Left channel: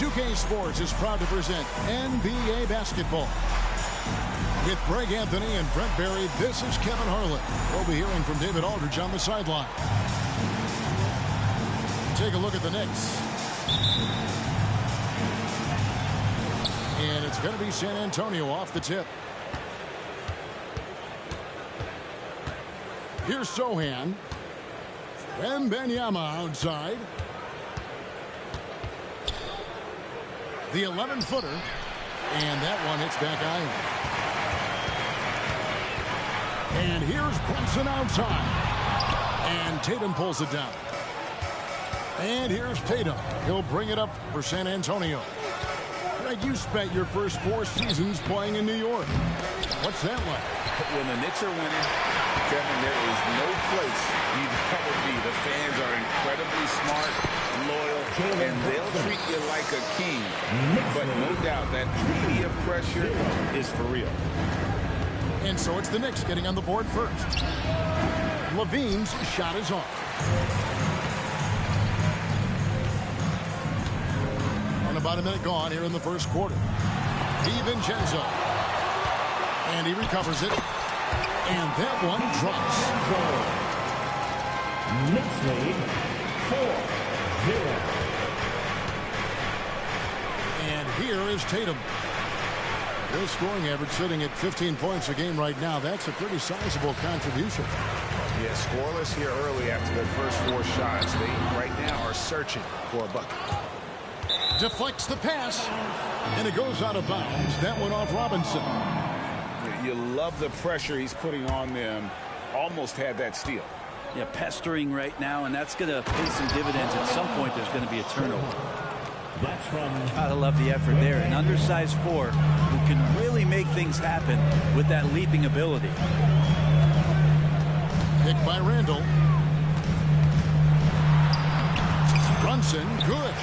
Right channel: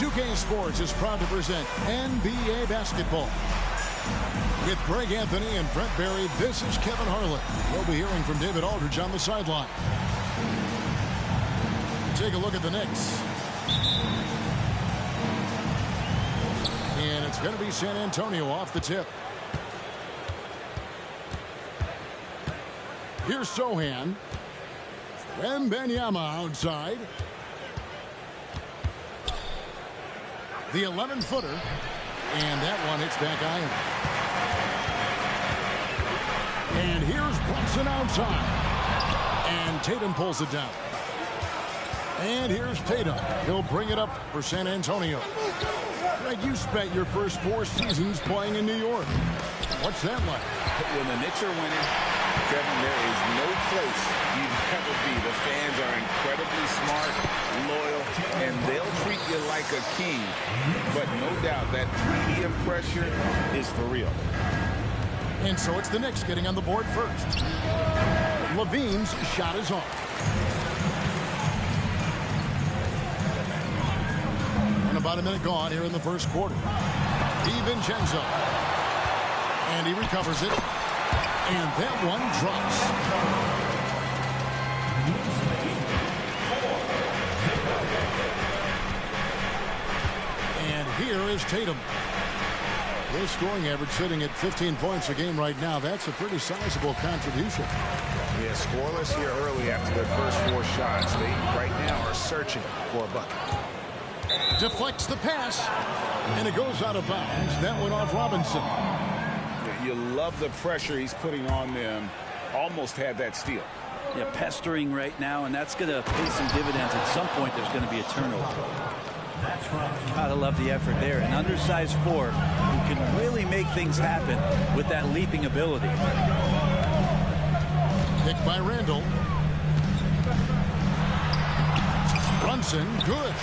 2K Sports is proud to present NBA basketball. With Greg Anthony and Brent Barry, this is Kevin Harlan. We'll be hearing from David Aldridge on the sideline. Take a look at the Knicks. And it's going to be San Antonio off the tip. Here's Sohan. Wembanyama outside. The 11-footer. And that one hits back iron. And here's Brunson outside. And Tatum pulls it down. And here's Tatum. He'll bring it up for San Antonio. Greg, you spent your first 4 seasons playing in New York. What's that like? When the Knicks are winning, Kevin, there is no place you'd rather be. The fans are incredibly smart, loyal, and they'll treat you like a king. But no doubt that media pressure is for real. And so it's the Knicks getting on the board first. Levine's shot is off. And about a minute gone here in the first quarter. DiVincenzo. And he recovers it. And that one drops. Knicks lead 4-0. And here is Tatum. Their scoring average sitting at 15 points a game right now. That's a pretty sizable contribution. Yeah, scoreless here early after their first 4 shots. They right now are searching for a bucket. Deflects the pass. And it goes out of bounds. That went off Robinson. You love the pressure he's putting on them. Almost had that steal. Yeah, pestering right now, and that's going to pay some dividends. At some point, there's going to be a turnover. That's from Gotta love the effort there. An undersized 4 who can really make things happen with that leaping ability. Picked by Randall. Brunson, good.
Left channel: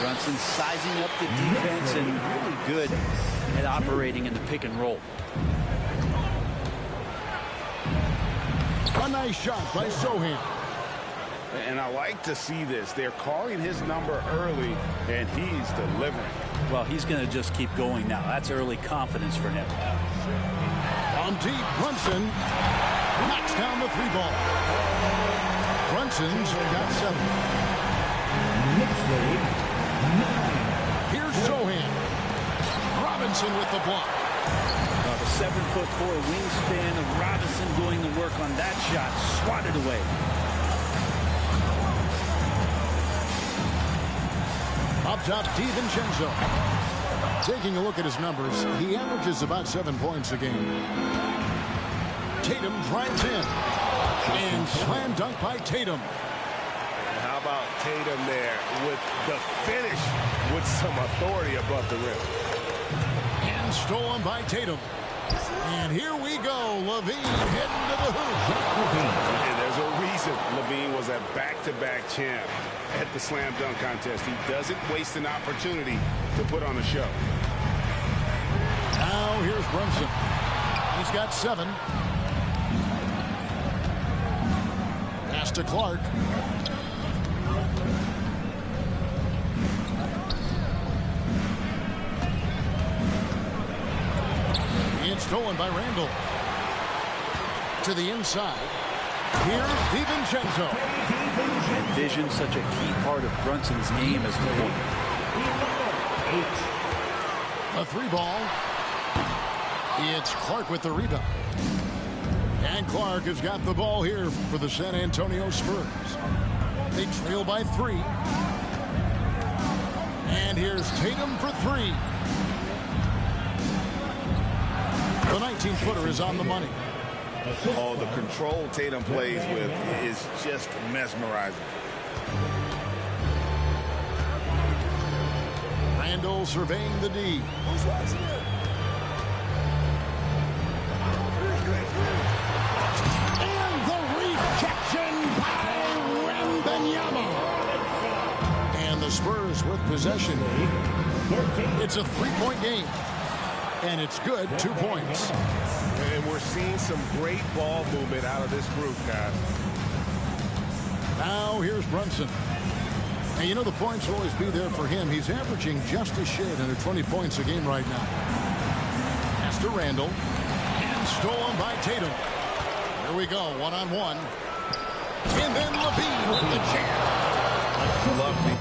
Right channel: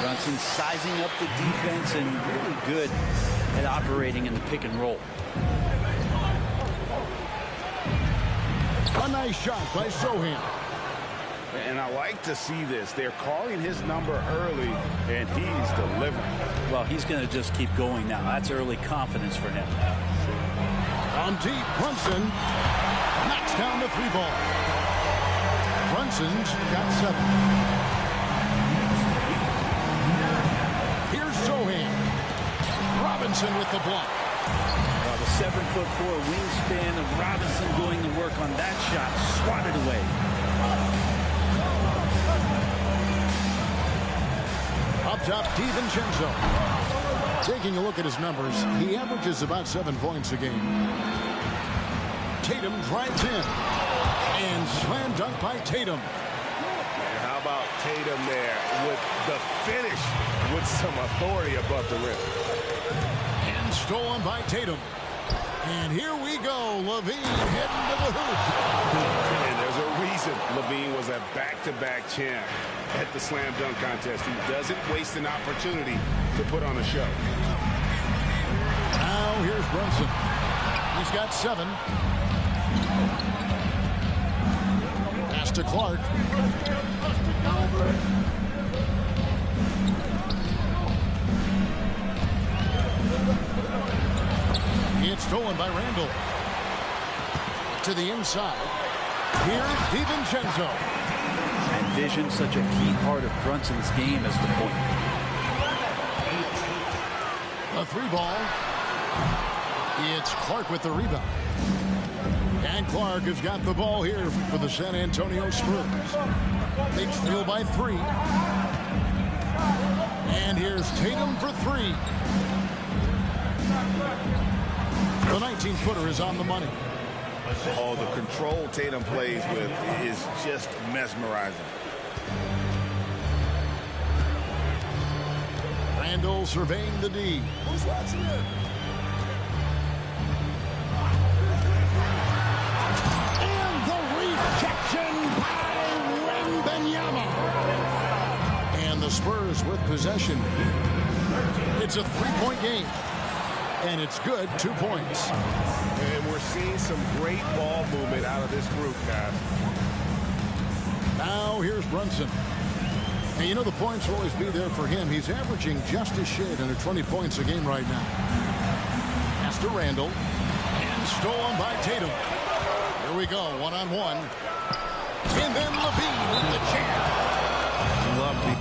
Brunson sizing up the defense and really good at operating in the pick and roll. A nice shot by Sohan. And I like to see this. They're calling his number early, and he's delivering. Well, he's going to just keep going now. That's early confidence for him. From deep, Brunson knocks down the 3-ball. Brunson's got 7. Here's Sohan. Robinson with the block. The 7'4" wingspan of Robinson doing the work on that shot. Swatted away. Up top, DiVincenzo. Taking a look at his numbers, he averages about 7 points a game. Tatum drives in. And slam dunk by Tatum. And how about Tatum there with the finish with some authority above the rim. And stolen by Tatum. And here we go. Levine heading to the hoop. And there's a reason Levine was a back-to-back champ at the slam dunk contest. He doesn't waste an opportunity to put on a show. Now here's Brunson. He's got 7. Pass to Clark. It's stolen by Randall. To the inside. Here's DiVincenzo. And vision, such a key part of Brunson's game as the point. A 3-ball. It's Clark with the rebound. And Clark has got the ball here for the San Antonio Spurs. They trail by 3. And here's Tatum for 3. The 19-footer is on the money. Oh, the control Tatum plays with is just mesmerizing. Randall surveying the D. Who's watching it? And the rejection by Wembanyama. And the Spurs with possession. It's a 3-point game. And it's good, 2 points. And we're seeing some great ball movement out of this group, guys. Now here's Brunson. And you know the points will always be there for him. He's averaging just a shade under 20 points a game right now. Pass to Randall. And stolen by Tatum. Here we go, one-on-one. And then Levine with the jam. Love the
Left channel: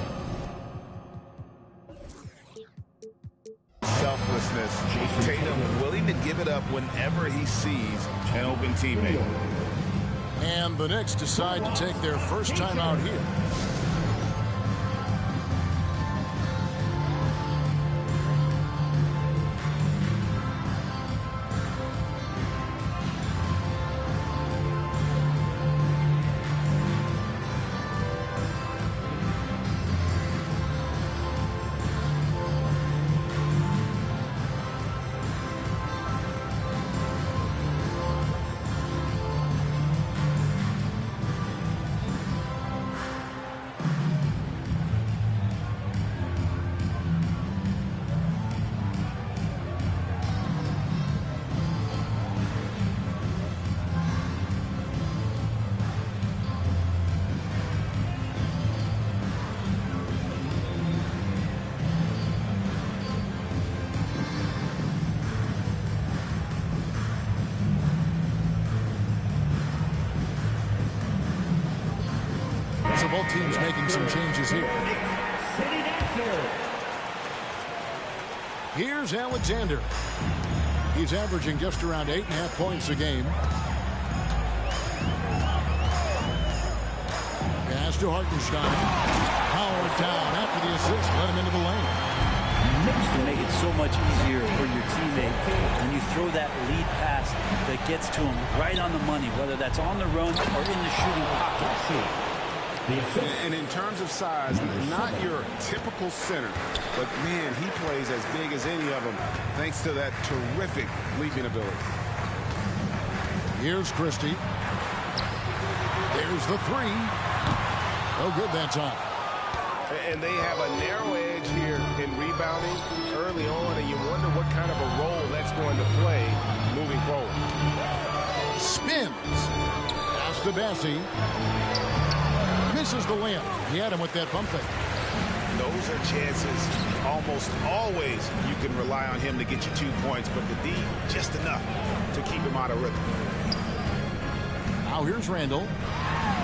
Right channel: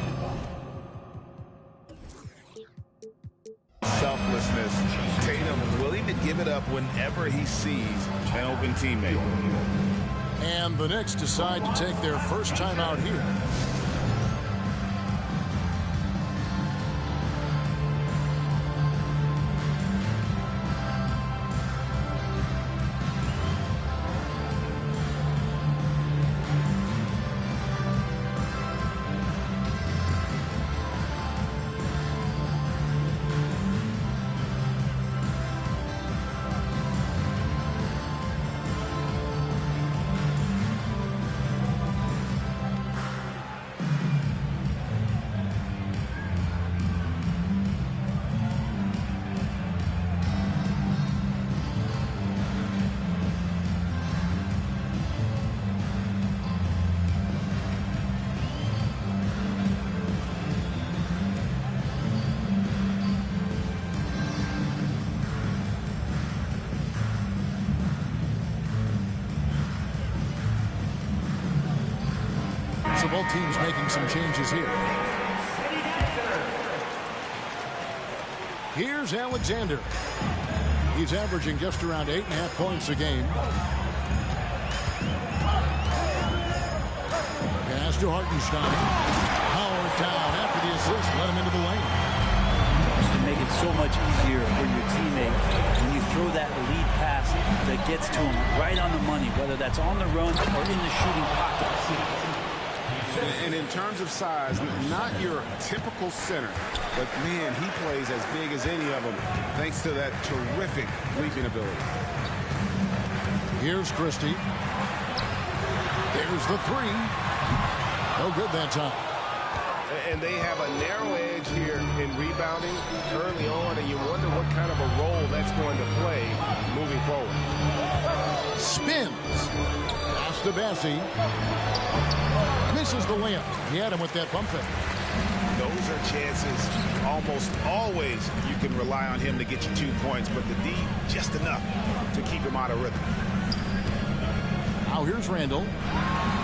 selflessness. Tatum willing to give it up whenever he sees an open teammate. And the Knicks decide to take their first time out here. So both teams making some changes here. Here's Alexander. He's averaging just around 8.5 points a game. Pass to Hartenstein. Powered down after the assist. Let him into the lane. Just to make it so much easier for your teammate when you throw that lead pass that gets to him right on the money, whether that's on the run or in the shooting pocket. And in terms of size, not your typical center, but man, he plays as big as any of them thanks to that terrific leaping ability. Here's Christie. There's the 3. No good that time. And they have a narrow edge here in rebounding early on, and you wonder what kind of a role that's going to play moving forward. Spins. Pass to Bassie. Misses the layup. He had him with that pump fake. Those are chances almost always you can rely on him to get you 2 points, but the D just enough to keep him out of rhythm. Now here's Randall.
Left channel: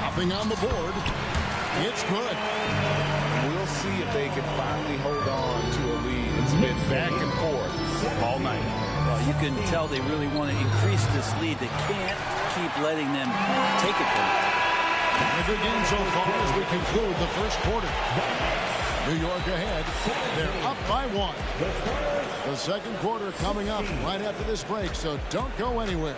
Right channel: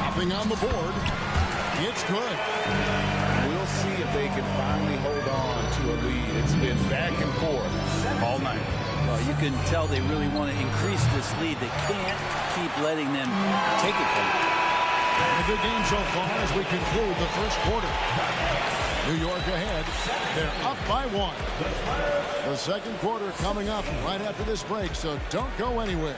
Nothing on the board. It's good. We'll see if they can finally hold on to a lead. It's been back and forth all night. Well, you can tell they really want to increase this lead. They can't keep letting them take it from them. And a good game so far as we conclude the first quarter. New York ahead. They're up by 1. The second quarter coming up right after this break, so don't go anywhere.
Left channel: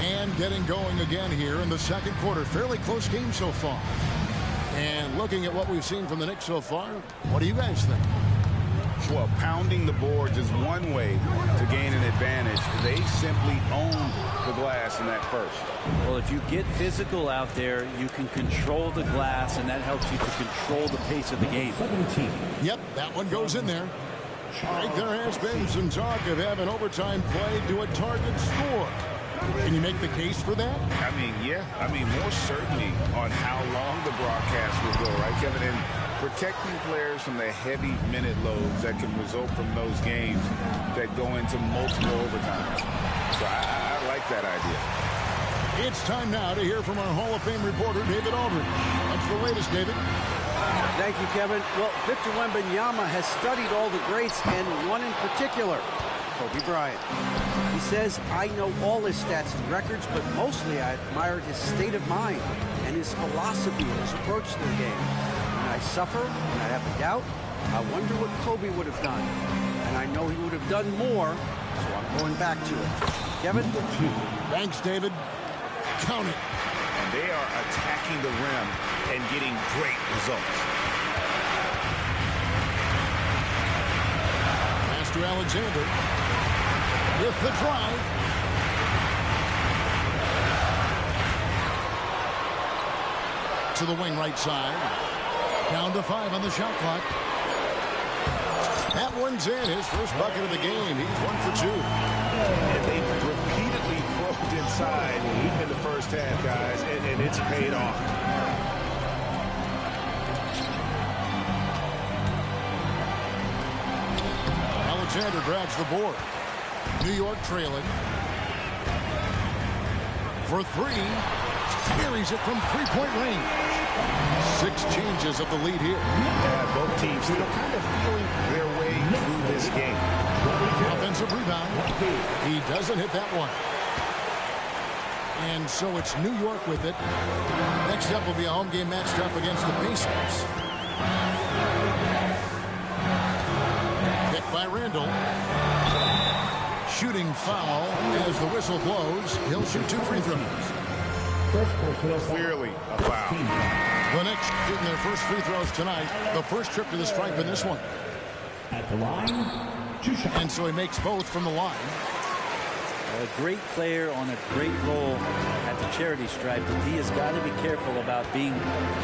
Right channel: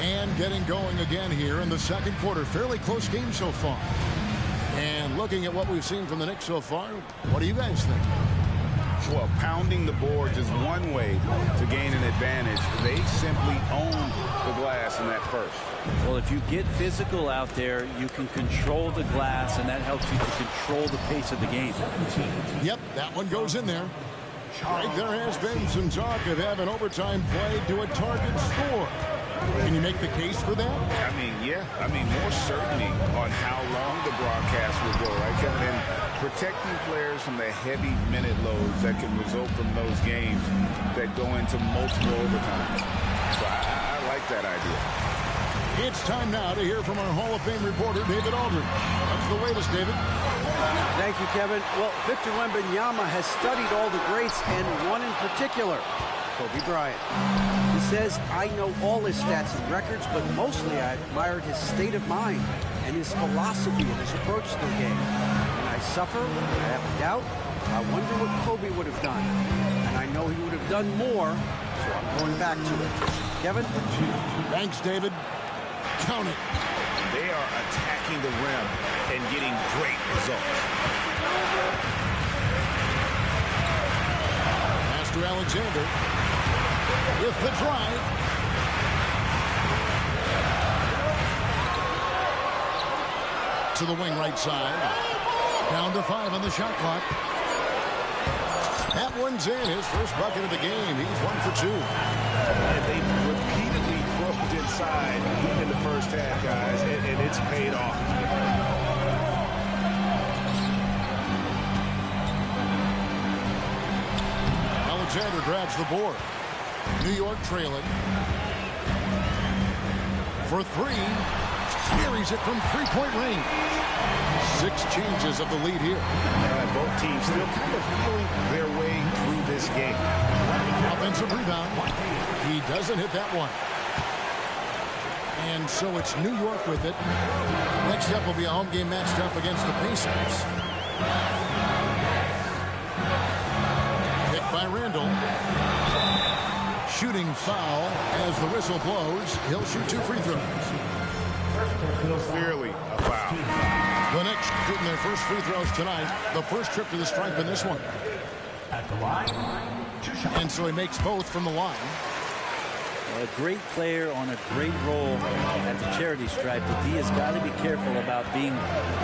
And getting going again here in the second quarter. Fairly close game so far. And looking at what we've seen from the Knicks so far, what do you guys think? Well, pounding the boards is one way to gain an advantage. They simply owned the glass in that first. Well, if you get physical out there, you can control the glass, and that helps you to control the pace of the game. Yep, that one goes in there. Greg, there has been some talk of having overtime play to a target score. Can you make the case for that? I mean, yeah. I mean, more certainty on how long the broadcast will go, right, Kevin? And protecting players from the heavy minute loads that can result from those games that go into multiple overtimes. So I like that idea. It's time now to hear from our Hall of Fame reporter, David Aldridge. What's the latest, David? Thank you, Kevin. Well, Victor Wembanyama has studied all the greats and one in particular, Kobe Bryant. He says, I know all his stats and records, but mostly I admired his state of mind and his philosophy and his approach to the game. When I suffer, when I have a doubt, I wonder what Kobe would have done. And I know he would have done more, so I'm going back to it. Kevin? Thanks, David. Count it. And they are attacking the rim and getting great results. Pass to Alexander. With the drive. To the wing right side. Down to 5 on the shot clock. That one's in. His first bucket of the game. He's 1 for 2. And they've repeatedly probed inside in the first half, guys, and it's paid off. Alexander grabs the board. New York trailing. For 3. Carries it from three-point range. 6 changes of the lead here. Both teams still kind of feeling their way through this game. Offensive rebound. He doesn't hit that one. And so it's New York with it. Next up will be a home game matched up against the Pacers. Picked by Randall. Shooting foul as the whistle blows. He'll shoot 2 free throws. Clearly a foul. The Knicks shooting their first free throws tonight. The first trip to the stripe in this one. At the line, 2 shots. And so he makes both from the line. A great player on a great role at the charity stripe. The D has got to be careful about being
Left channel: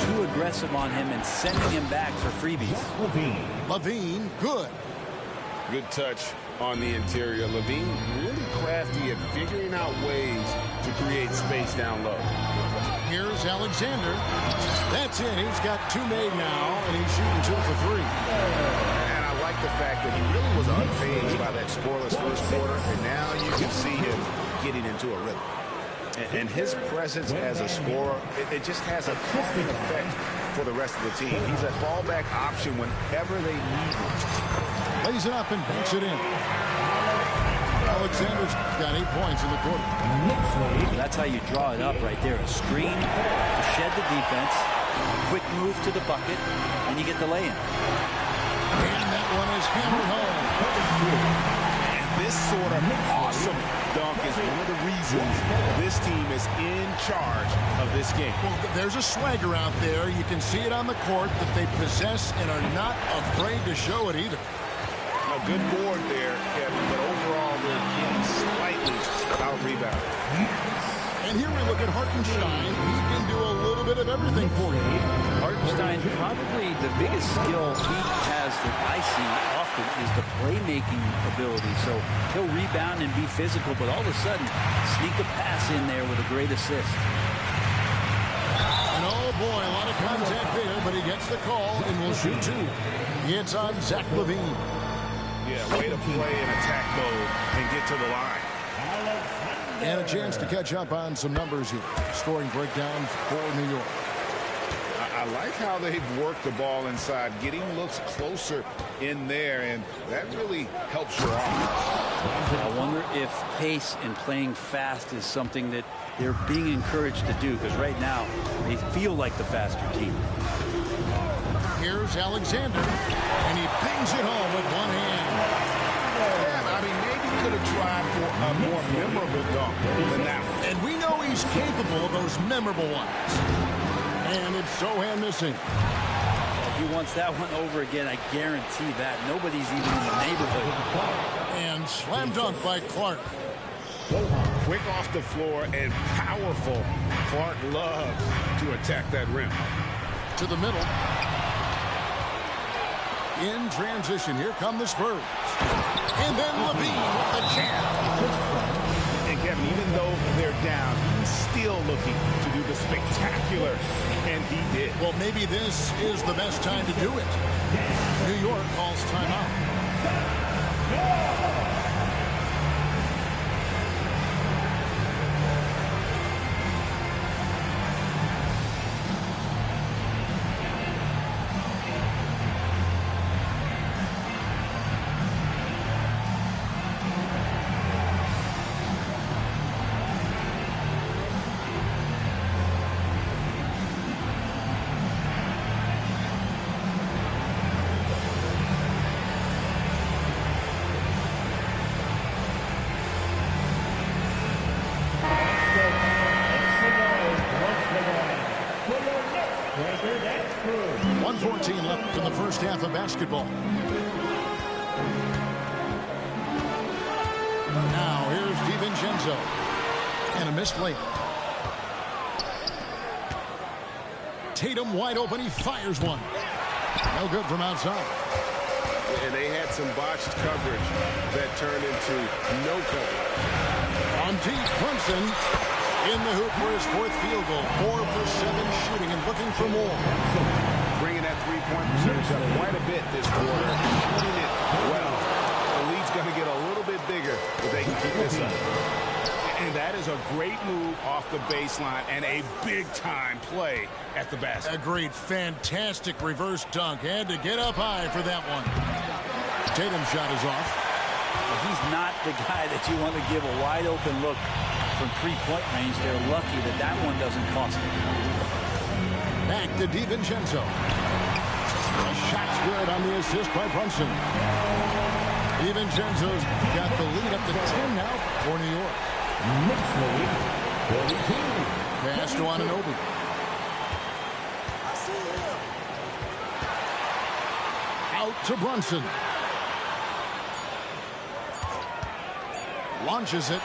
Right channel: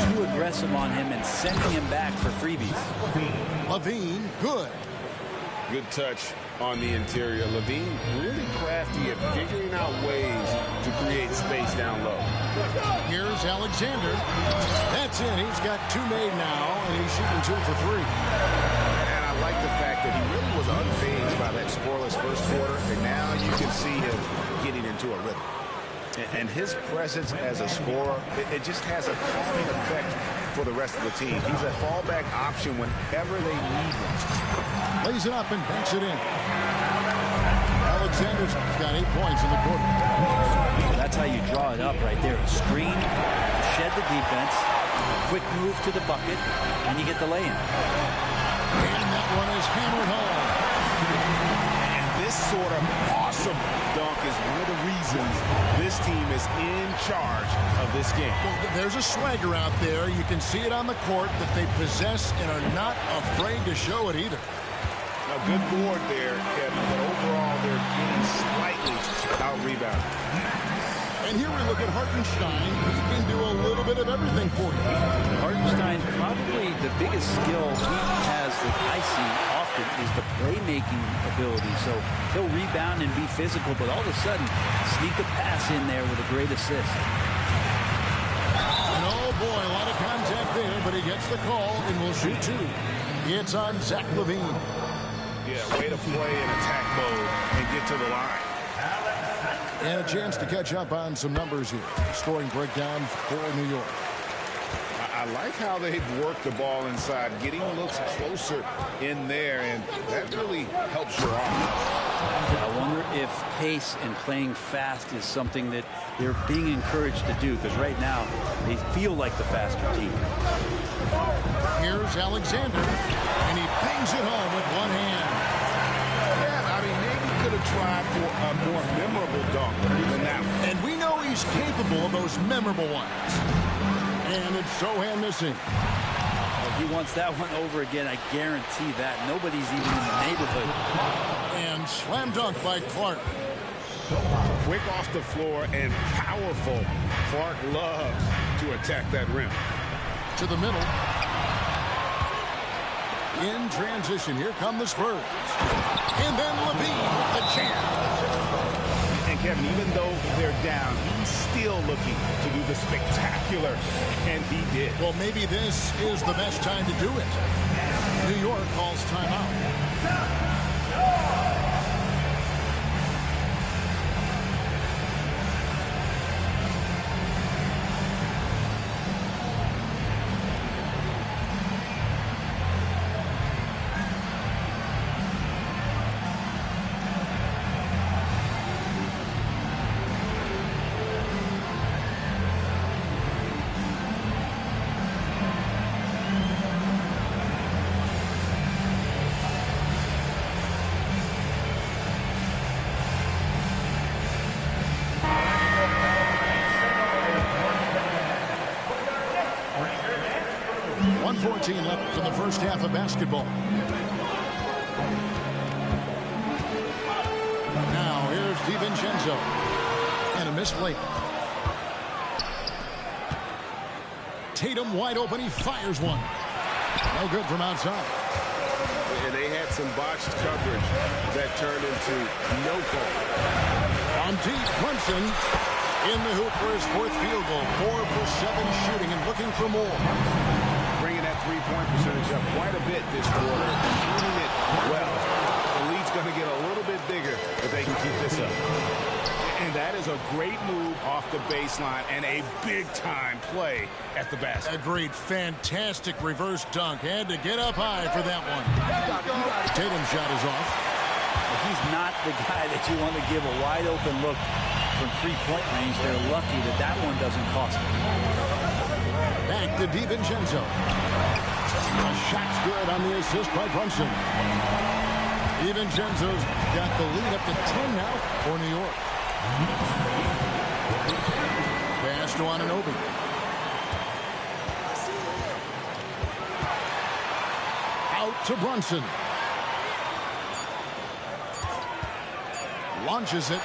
too aggressive on him and sending him back for freebies. LaVine, good. Good touch on the interior. LaVine really crafty at figuring out ways to create space down low. Here's Alexander. That's in. He's got 2 made now, and he's shooting 2 for 3. And I like the fact that he really was unfazed by that scoreless first quarter, and now you can see him getting into a rhythm. And his presence as a scorer, it just has a calming effect for the rest of the team. He's a fallback option whenever they need one. Lays it up and banks it in. Alexander's got 8 points in the quarter. That's how you draw it up right there. A screen to shed the defense, a quick move to the bucket, and you get the lay-in. And that one is hammered home. And this sort of awesome dunk is one of the reasons this team is in charge of this game. Well, there's a swagger out there. You can see it on the court that they possess and are not afraid to show it either. A good board there, Kevin, but overall they're getting slightly out-rebounded. And here we look at Hartenstein. He can do a little bit of everything for you. Hartenstein, probably the biggest skill he has that I see often is the playmaking ability. So he'll rebound and be physical, but all of a sudden sneak a pass in there with a great assist. And oh boy, a lot of contact there, but he gets the call and will shoot 2. It's on Zach LaVine. Yeah, way to play in attack mode and get to the line. And a chance to catch up on some numbers here. Scoring breakdown for New York. I like how they've worked the ball inside, getting looks closer in there, and that really helps your offense. I wonder if pace and playing fast is something that they're being encouraged to do, because right now they feel like the faster team. Here's Alexander, and he bangs it home with one hand. Yeah, I mean, maybe could have tried for a more memorable dunk than that one. And we know he's capable of those memorable ones. And it's Sohan missing. If he wants that one over again, I guarantee that. Nobody's even in the neighborhood. And slam dunk by Clark. Quick off the floor and powerful. Clark loves to attack that rim. To the middle. In transition, here come the Spurs. And then LaVine with the jam. And Kevin, even though they're down, he's still looking to do the spectacular, and he did. Well, maybe this is the best time to do it. New York calls timeout. 1:14 left in the first half of basketball. Now here's DiVincenzo. And a missed layup. Tatum wide open. He fires one. No good from outside. And they had some botched coverage that turned into no call. On deep, Brunson in the hoop for his fourth field goal. 4 for 7 shooting and looking for more. Bringing that three-point percentage up quite a bit this quarter. Shooting it well. The lead's going to get a little bit bigger if they can keep this up. And that is a great move off the baseline and a big-time play at the basket. Agreed. Fantastic reverse dunk. Had to get up high for that one. Tatum's shot is off. Well, he's not the guy that you want to give a wide-open look from three-point range. They're lucky that that one doesn't cost them. Back to DiVincenzo. The shot's good on the assist by Brunson. DiVincenzo's got the lead up to 10 now for New York. Pass to Anunoby. Out to Brunson. Launches it.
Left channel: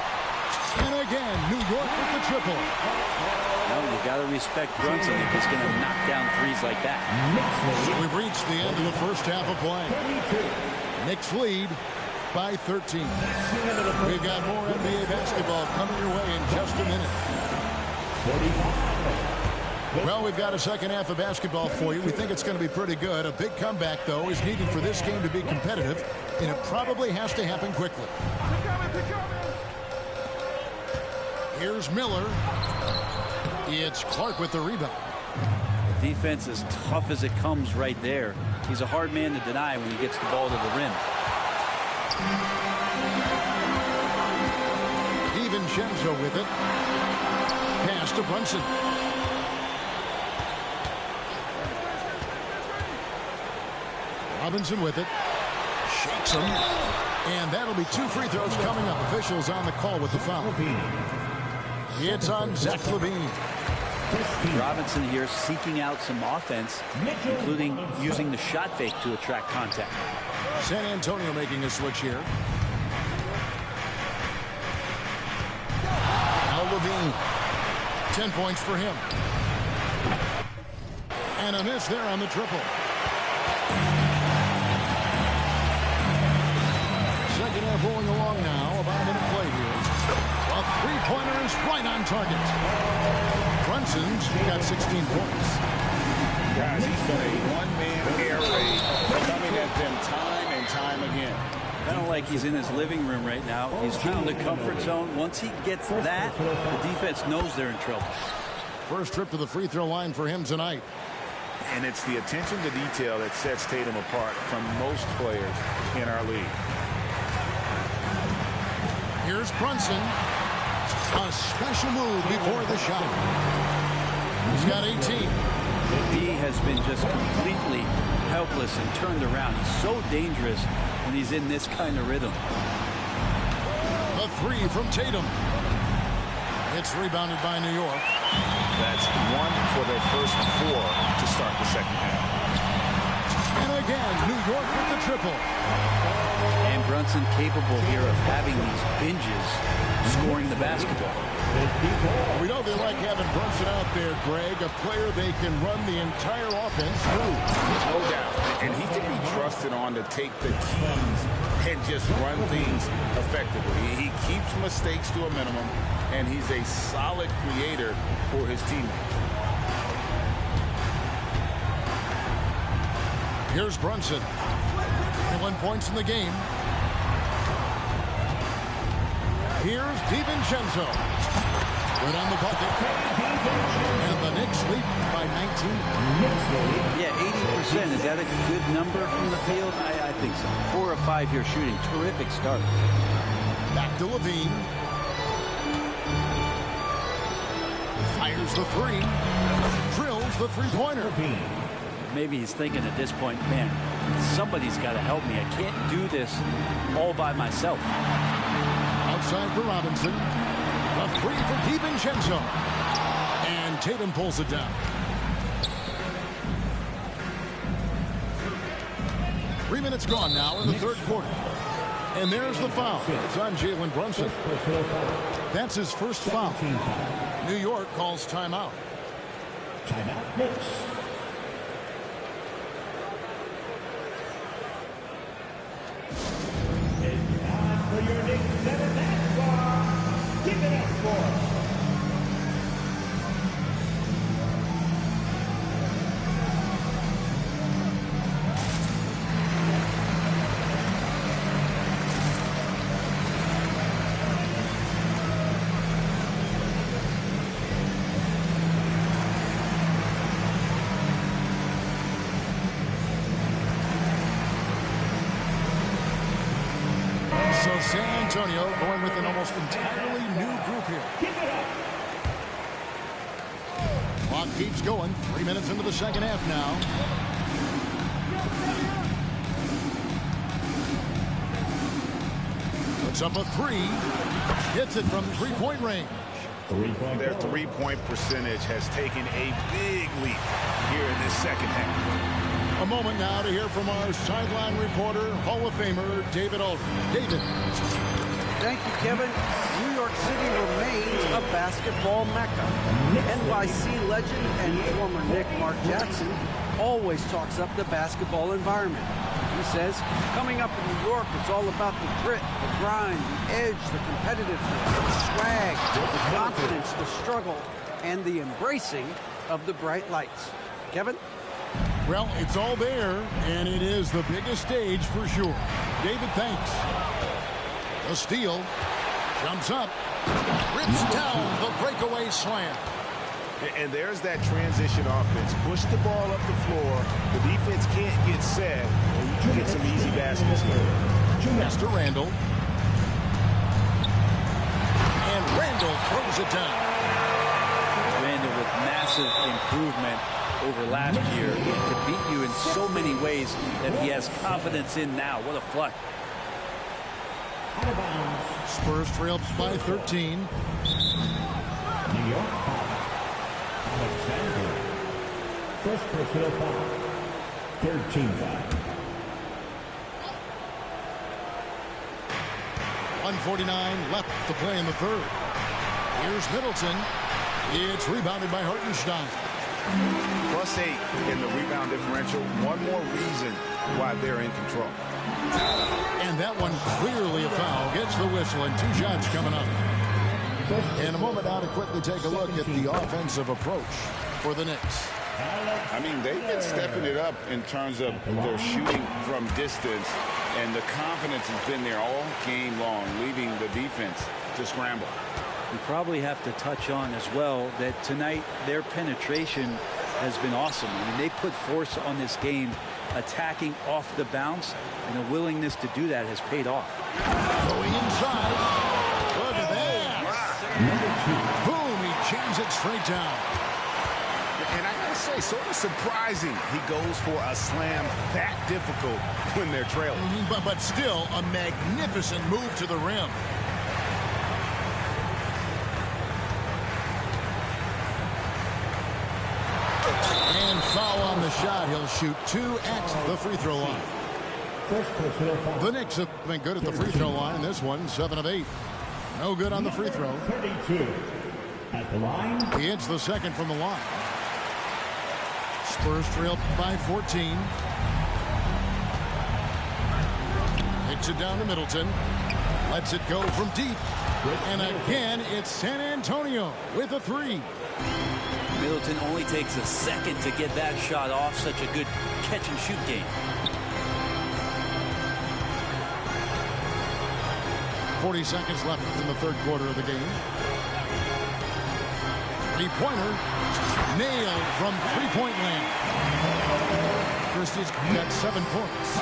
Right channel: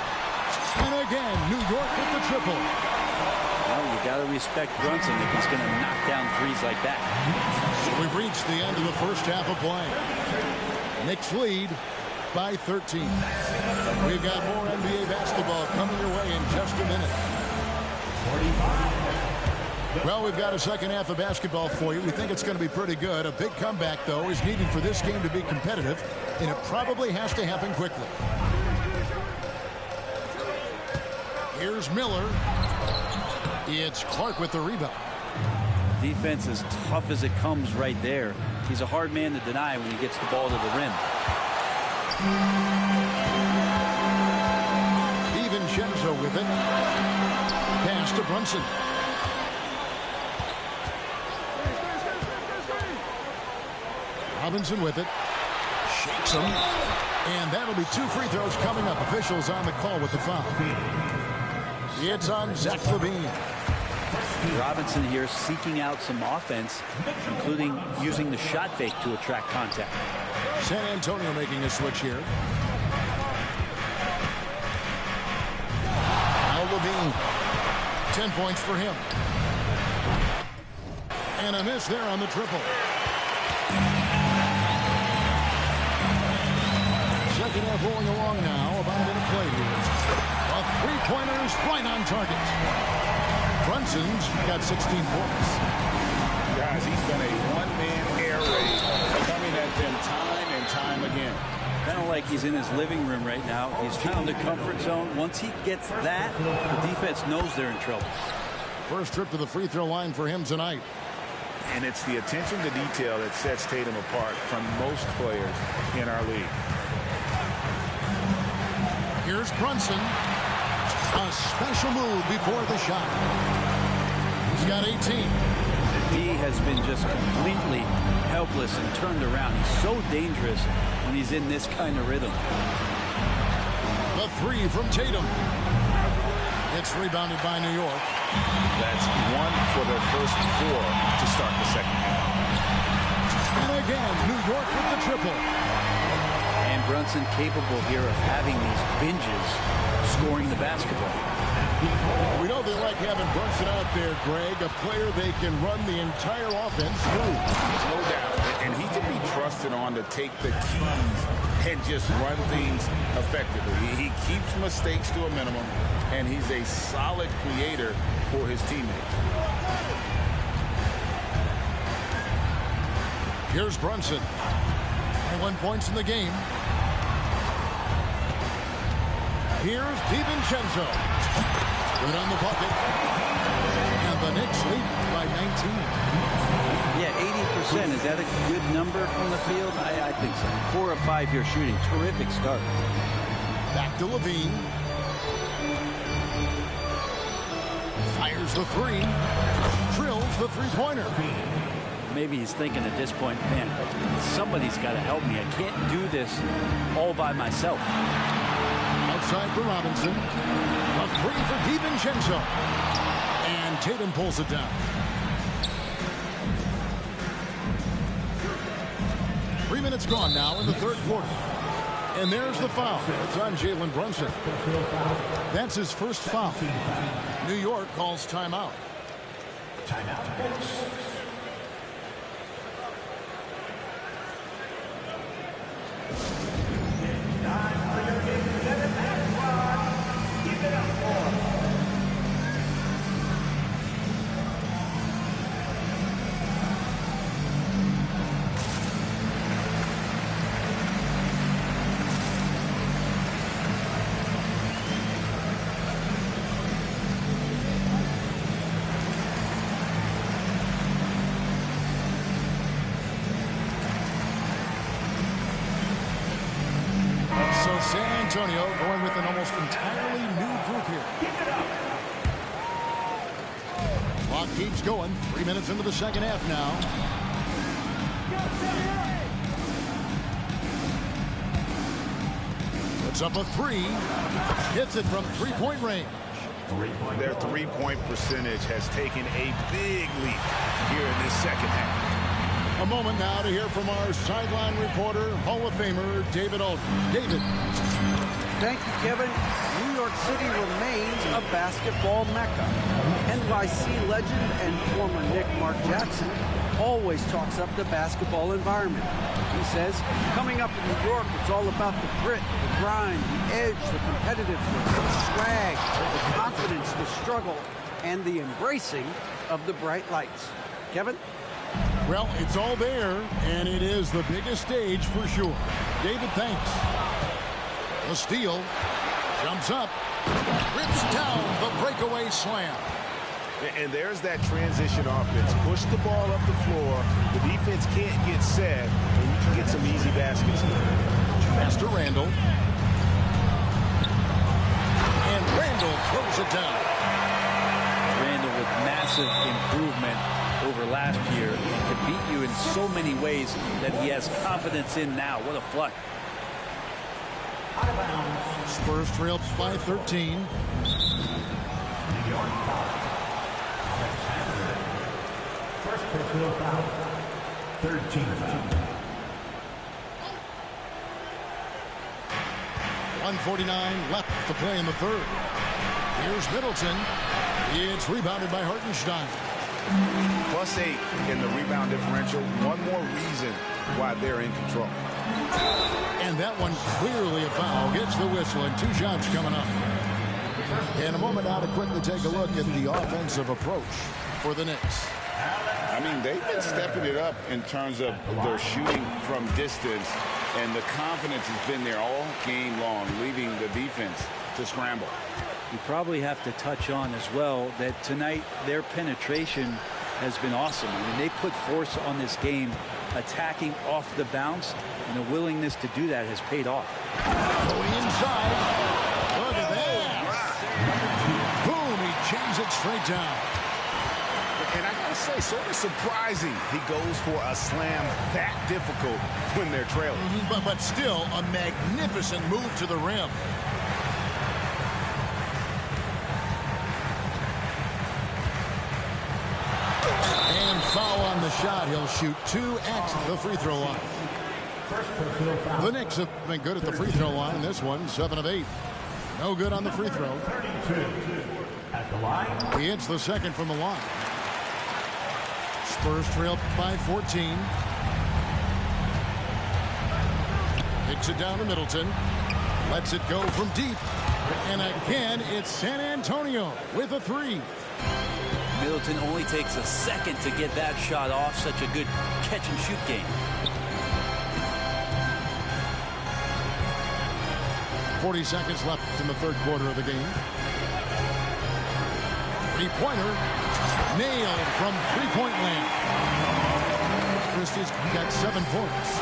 And again, New York with the triple. Well, you got to respect Brunson if he's going to knock down threes like that. So we've reached the end of the first half of play. Knicks lead by 13. We've got more NBA basketball coming your way in just a minute. Well, we've got a second half of basketball for you. We think it's going to be pretty good. A big comeback, though, is needed for this game to be competitive, and it probably has to happen quickly. Here's Miller. It's Clark with the rebound. Defense as tough as it comes right there. He's a hard man to deny when he gets the ball to the rim. DiVincenzo with it. Pass to Brunson. Robinson with it. Shakes him. And that'll be 2 free throws coming up. Officials on the call with the foul. It's on Zach LaVine. Robinson here seeking out some offense, including using the shot fake to attract contact. San Antonio making a switch here. Now LaVine. 10 points for him. And a miss there on the triple. Second half rolling along now. About a minute played here. A three-pointer is right on target. Brunson's got 16 points. Guys, he's been a one-man air raid coming at them time and time again. Kind of like he's in his living room right now. He's found the comfort zone. Once he gets that, the defense knows they're in trouble. First trip to the free throw line for him tonight. And it's the attention to detail that sets Tatum apart from most players in our league. Here's Brunson. A special move before the shot. He's got 18. D has been just completely helpless and turned around. He's so dangerous when he's in this kind of rhythm. The three from Tatum. It's rebounded by New York. That's 1 for their first 4 to start the second half. And again, New York with the triple. And Brunson capable here of having these binges scoring the basketball. We know they like having Brunson out there, Greg, a player they can run the entire offense through. No doubt. And he can be trusted on to take the keys and just run things effectively. He keeps mistakes to a minimum, and he's a solid creator for his teammates. Here's Brunson. 21 points in the game. Here's DiVincenzo. Good on the bucket. And the Knicks lead by 19. Yeah, 80%. Is that a good number from the field? I think so. 4 of 5 here shooting. Terrific start. Back to LaVine. Fires the three. Drills the three-pointer. Maybe he's thinking at this point, man, somebody's got to help me. I can't do this all by myself. Outside for Robinson. A three for DiVincenzo. And Tatum pulls it down. 3 minutes gone now in the third quarter. And there's the foul. It's on Jalen Brunson. That's his first foul. New York calls timeout. Timeout, Knicks. It's time for your Knicks 7-man squad. Give it up for So San Antonio going with an almost entirely new group here. Clock keeps going. 3 minutes into the second half now. Puts up a three. Hits it from three-point range. Their three-point percentage has taken a big leap here in this second half. A moment now to hear from our sideline reporter, Hall of Famer David Aldridge. David. Thank you, Kevin. New York City remains a basketball mecca. NYC legend and former Knick Mark Jackson always talks up the basketball environment. He says, coming up in New York, it's all about the grit, the grind, the edge, the competitiveness, the swag, the confidence, the struggle, and the embracing of the bright lights. Kevin? Well, it's all there, and it is the biggest stage for sure. David, thanks. The steal. Jumps up. Rips down the breakaway slam. And there's that transition offense. Push the ball up the floor. The defense can't get set, and you can get some easy baskets here. Pass to Randall. And Randall throws it down. Randall with massive improvement over last year and can beat you in so many ways that he has confidence in now. What a flush. Out of bounds. Spurs trail by 13. New York foul. Alexander. First personal foul. 13 foul. 1:49 left to play in the third. Here's Middleton. It's rebounded by Hartenstein. +8 in the rebound differential. One more reason why they're in control. And that one clearly a foul. Gets the whistle and 2 shots coming up. In a moment now to quickly take a look at the offensive approach for the Knicks. I mean, they've been stepping it up in terms of their shooting from distance, and the confidence has been there all game long, leaving the defense to scramble. We probably have to touch on as well that tonight their penetration has been awesome. I mean, they put force on this game, attacking off the bounce, and the willingness to do that has paid off. Going inside. Look at that. Boom, he jams it straight down. And I gotta say, sort of surprising he goes for a slam that difficult when they're trailing. But still a magnificent move to the rim. And foul on the shot. He'll shoot 2 at the free throw line. First personal foul. The Knicks have been good at the free throw line. This one, 7 of 8. No good on the free throw. 32 at the line. He hits the second from the line. Spurs trail by 14. Hits it down to Middleton. Lets it go from deep. And again, it's San Antonio with a 3. Middleton only takes a second to get that shot off. Such a good catch and shoot game. 40 seconds left in the third quarter of the game. Three-pointer nailed from three-point land. Christie's got 7 points.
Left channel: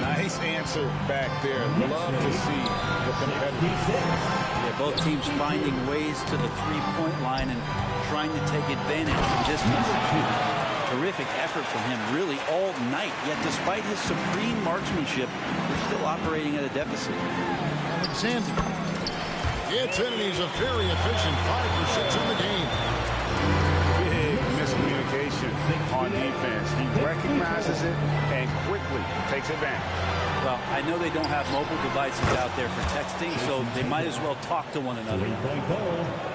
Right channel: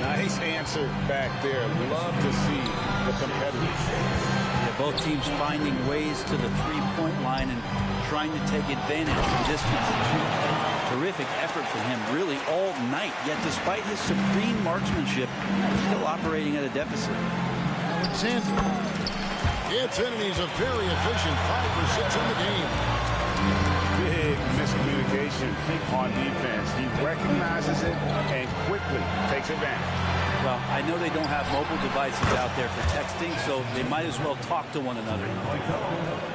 Nice answer back there. Love to see the competitors. Yeah, both teams finding ways to the three-point line and trying to take advantage from distance. Terrific effort from him really all night. Yet despite his supreme marksmanship, they're still operating at a deficit. Alexander gets in, and he's a very efficient 5 for 6 on the game. big miscommunication on defense. He recognizes it and quickly takes advantage. Well, I know they don't have mobile devices out there for texting, so they might as well talk to one another.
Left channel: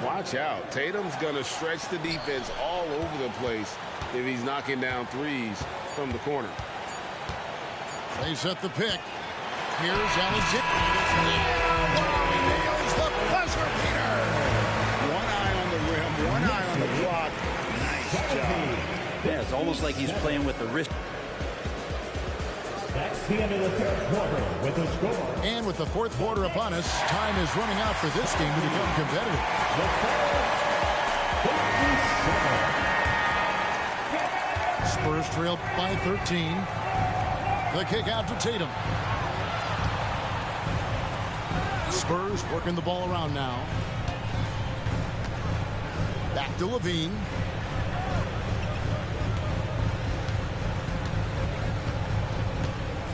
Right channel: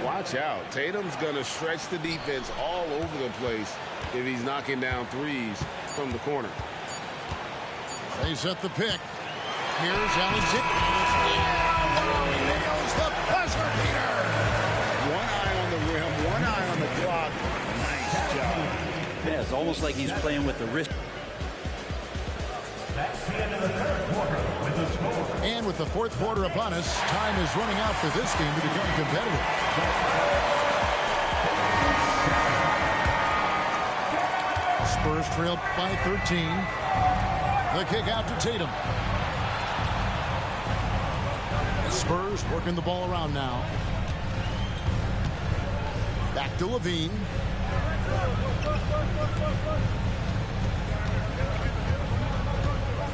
Watch out. Tatum's going to stretch the defense all over the place if he's knocking down threes from the corner. They set the pick. Here's Alexander. Wow, he nails the buzzer beater. One eye on the rim, one eye on the clock. Nice job. Yeah, it's almost like he's playing with the wrist. That's the end of the third quarter with the score. And with the fourth quarter upon us, time is running out for this game to become competitive. Spurs trail by 13. The kick out to Tatum. Spurs working the ball around now. Back to Levine.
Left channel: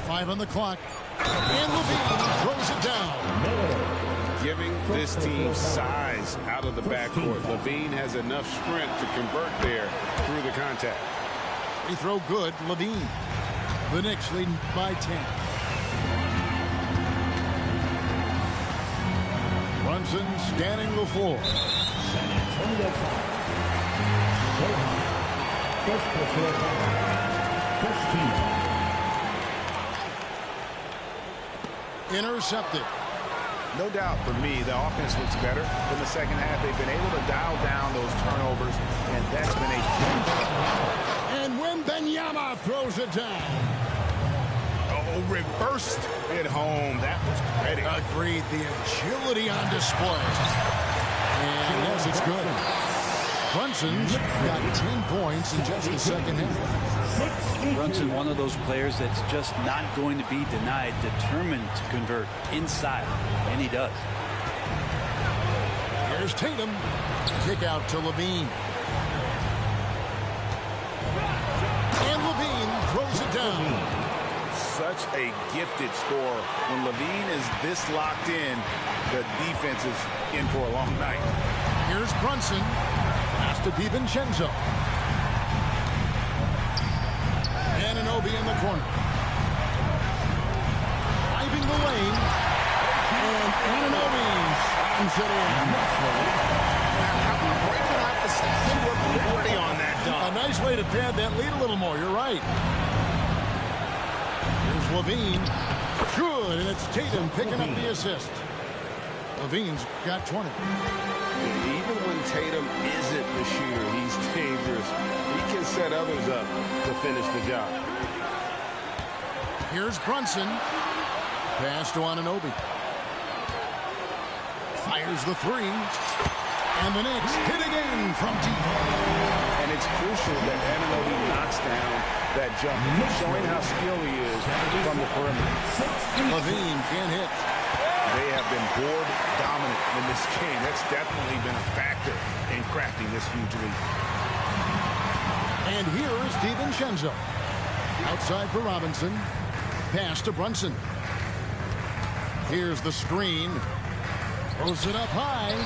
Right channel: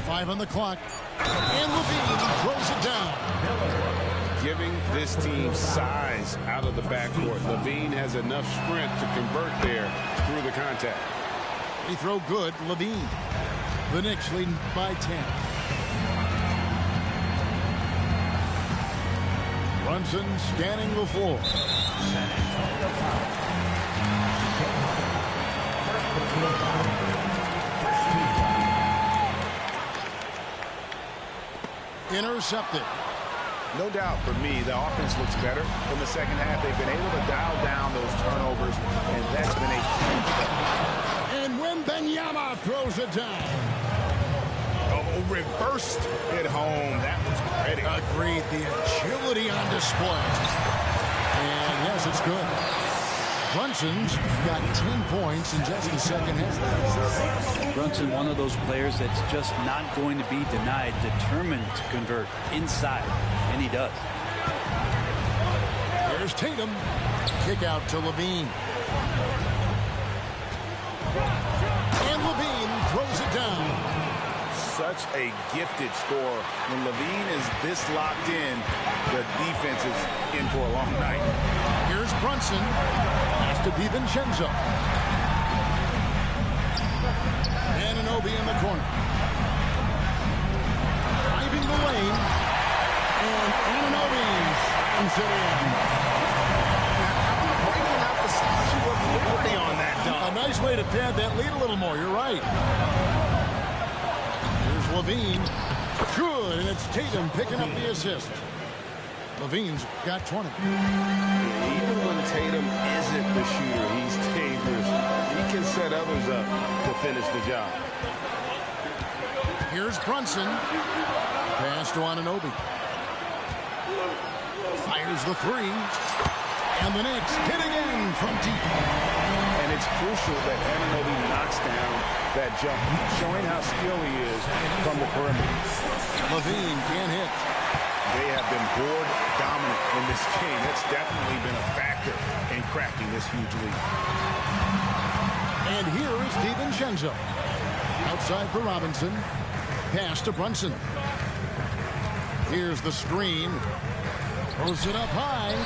Five on the clock. And Levine throws it down. Giving this team size out of the backcourt. Levine has enough strength to convert there through the contact. Free throw good. Levine. The Knicks leading by 10. Brunson scanning the floor. San Antonio foul. Go home. First personal foul. First team. Intercepted. No doubt for me, the offense looks better in the second half. They've been able to dial down those turnovers, and that's been a huge help. And Wembanyama throws it down. Oh, reversed it home. That was pretty. Agreed. The agility on display. And yes, it's good. Brunson's got 10 points in just the second half. Brunson, one of those players that's just not going to be denied, determined to convert inside, and he does. Here's Tatum. Kick out to Levine. And Levine throws it down. Such a gifted scorer. When Levine is this locked in, the defense is in for a long night. Here's Brunson. Pass to DiVincenzo. Anunoby in the corner. Driving the lane. And Anunoby slams it in. How about breaking out the Statue of Liberty on that dunk? A nice way to pad that lead a little more. You're right. Here's Levine. Good, and it's Tatum picking up the assist. Levine's got 20. Even when Tatum isn't the shooter, he's dangerous. He can set others up to finish the job. Here's Brunson. Pass to Anunoby. Fires the three. And the Knicks hit again from deep. And it's crucial that Anunoby knocks down that jumper, showing how skilled he is from the perimeter. Levine can't hit. They have been board dominant in this game. That's definitely been a factor in crafting this huge lead. And here is DiVincenzo. Outside for Robinson. Pass to Brunson. Here's the screen. Throws it up high.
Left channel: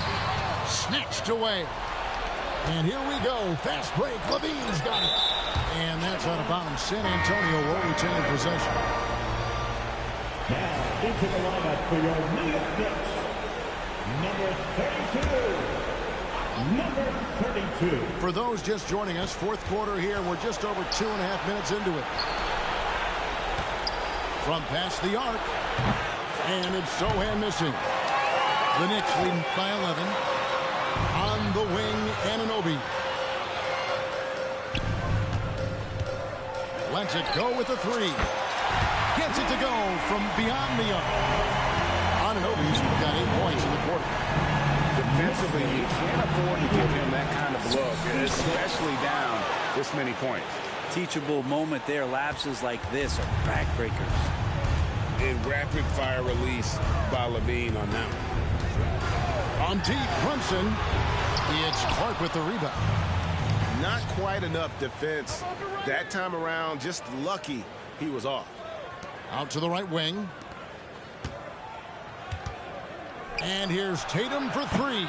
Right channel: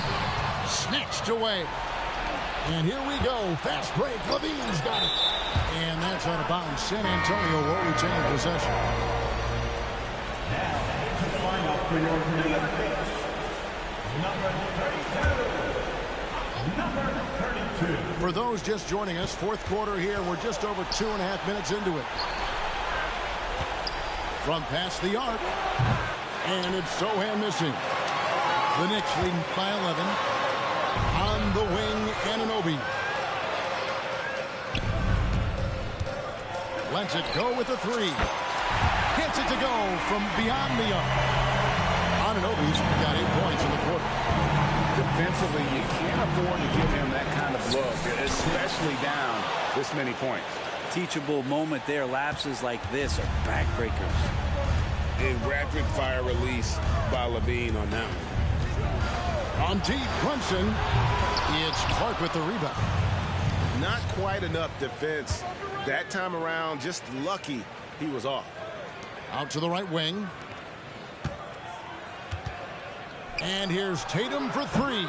Snatched away. And here we go. Fast break. Levine's got it. And that's out of bounds. San Antonio will retain possession. Now into the lineup for your New York Knicks. Number 32. Number 32. For those just joining us, fourth quarter here. We're just over 2.5 minutes into it. From past the arc. And it's Sohan missing. The Knicks leading by 11. On the wing, Anunoby. Lets it go with the three. Gets it to go from beyond the arc. Anunoby's got 8 points in the quarter. Defensively, you can't afford to give him that kind of look, especially down this many points. Teachable moment there. Lapses like this are backbreakers. A rapid-fire release by Levine on that one. On deep, Brunson. It's Clark with the rebound. Not quite enough defense that time around. Just lucky he was off. Out to the right wing. And here's Tatum for three.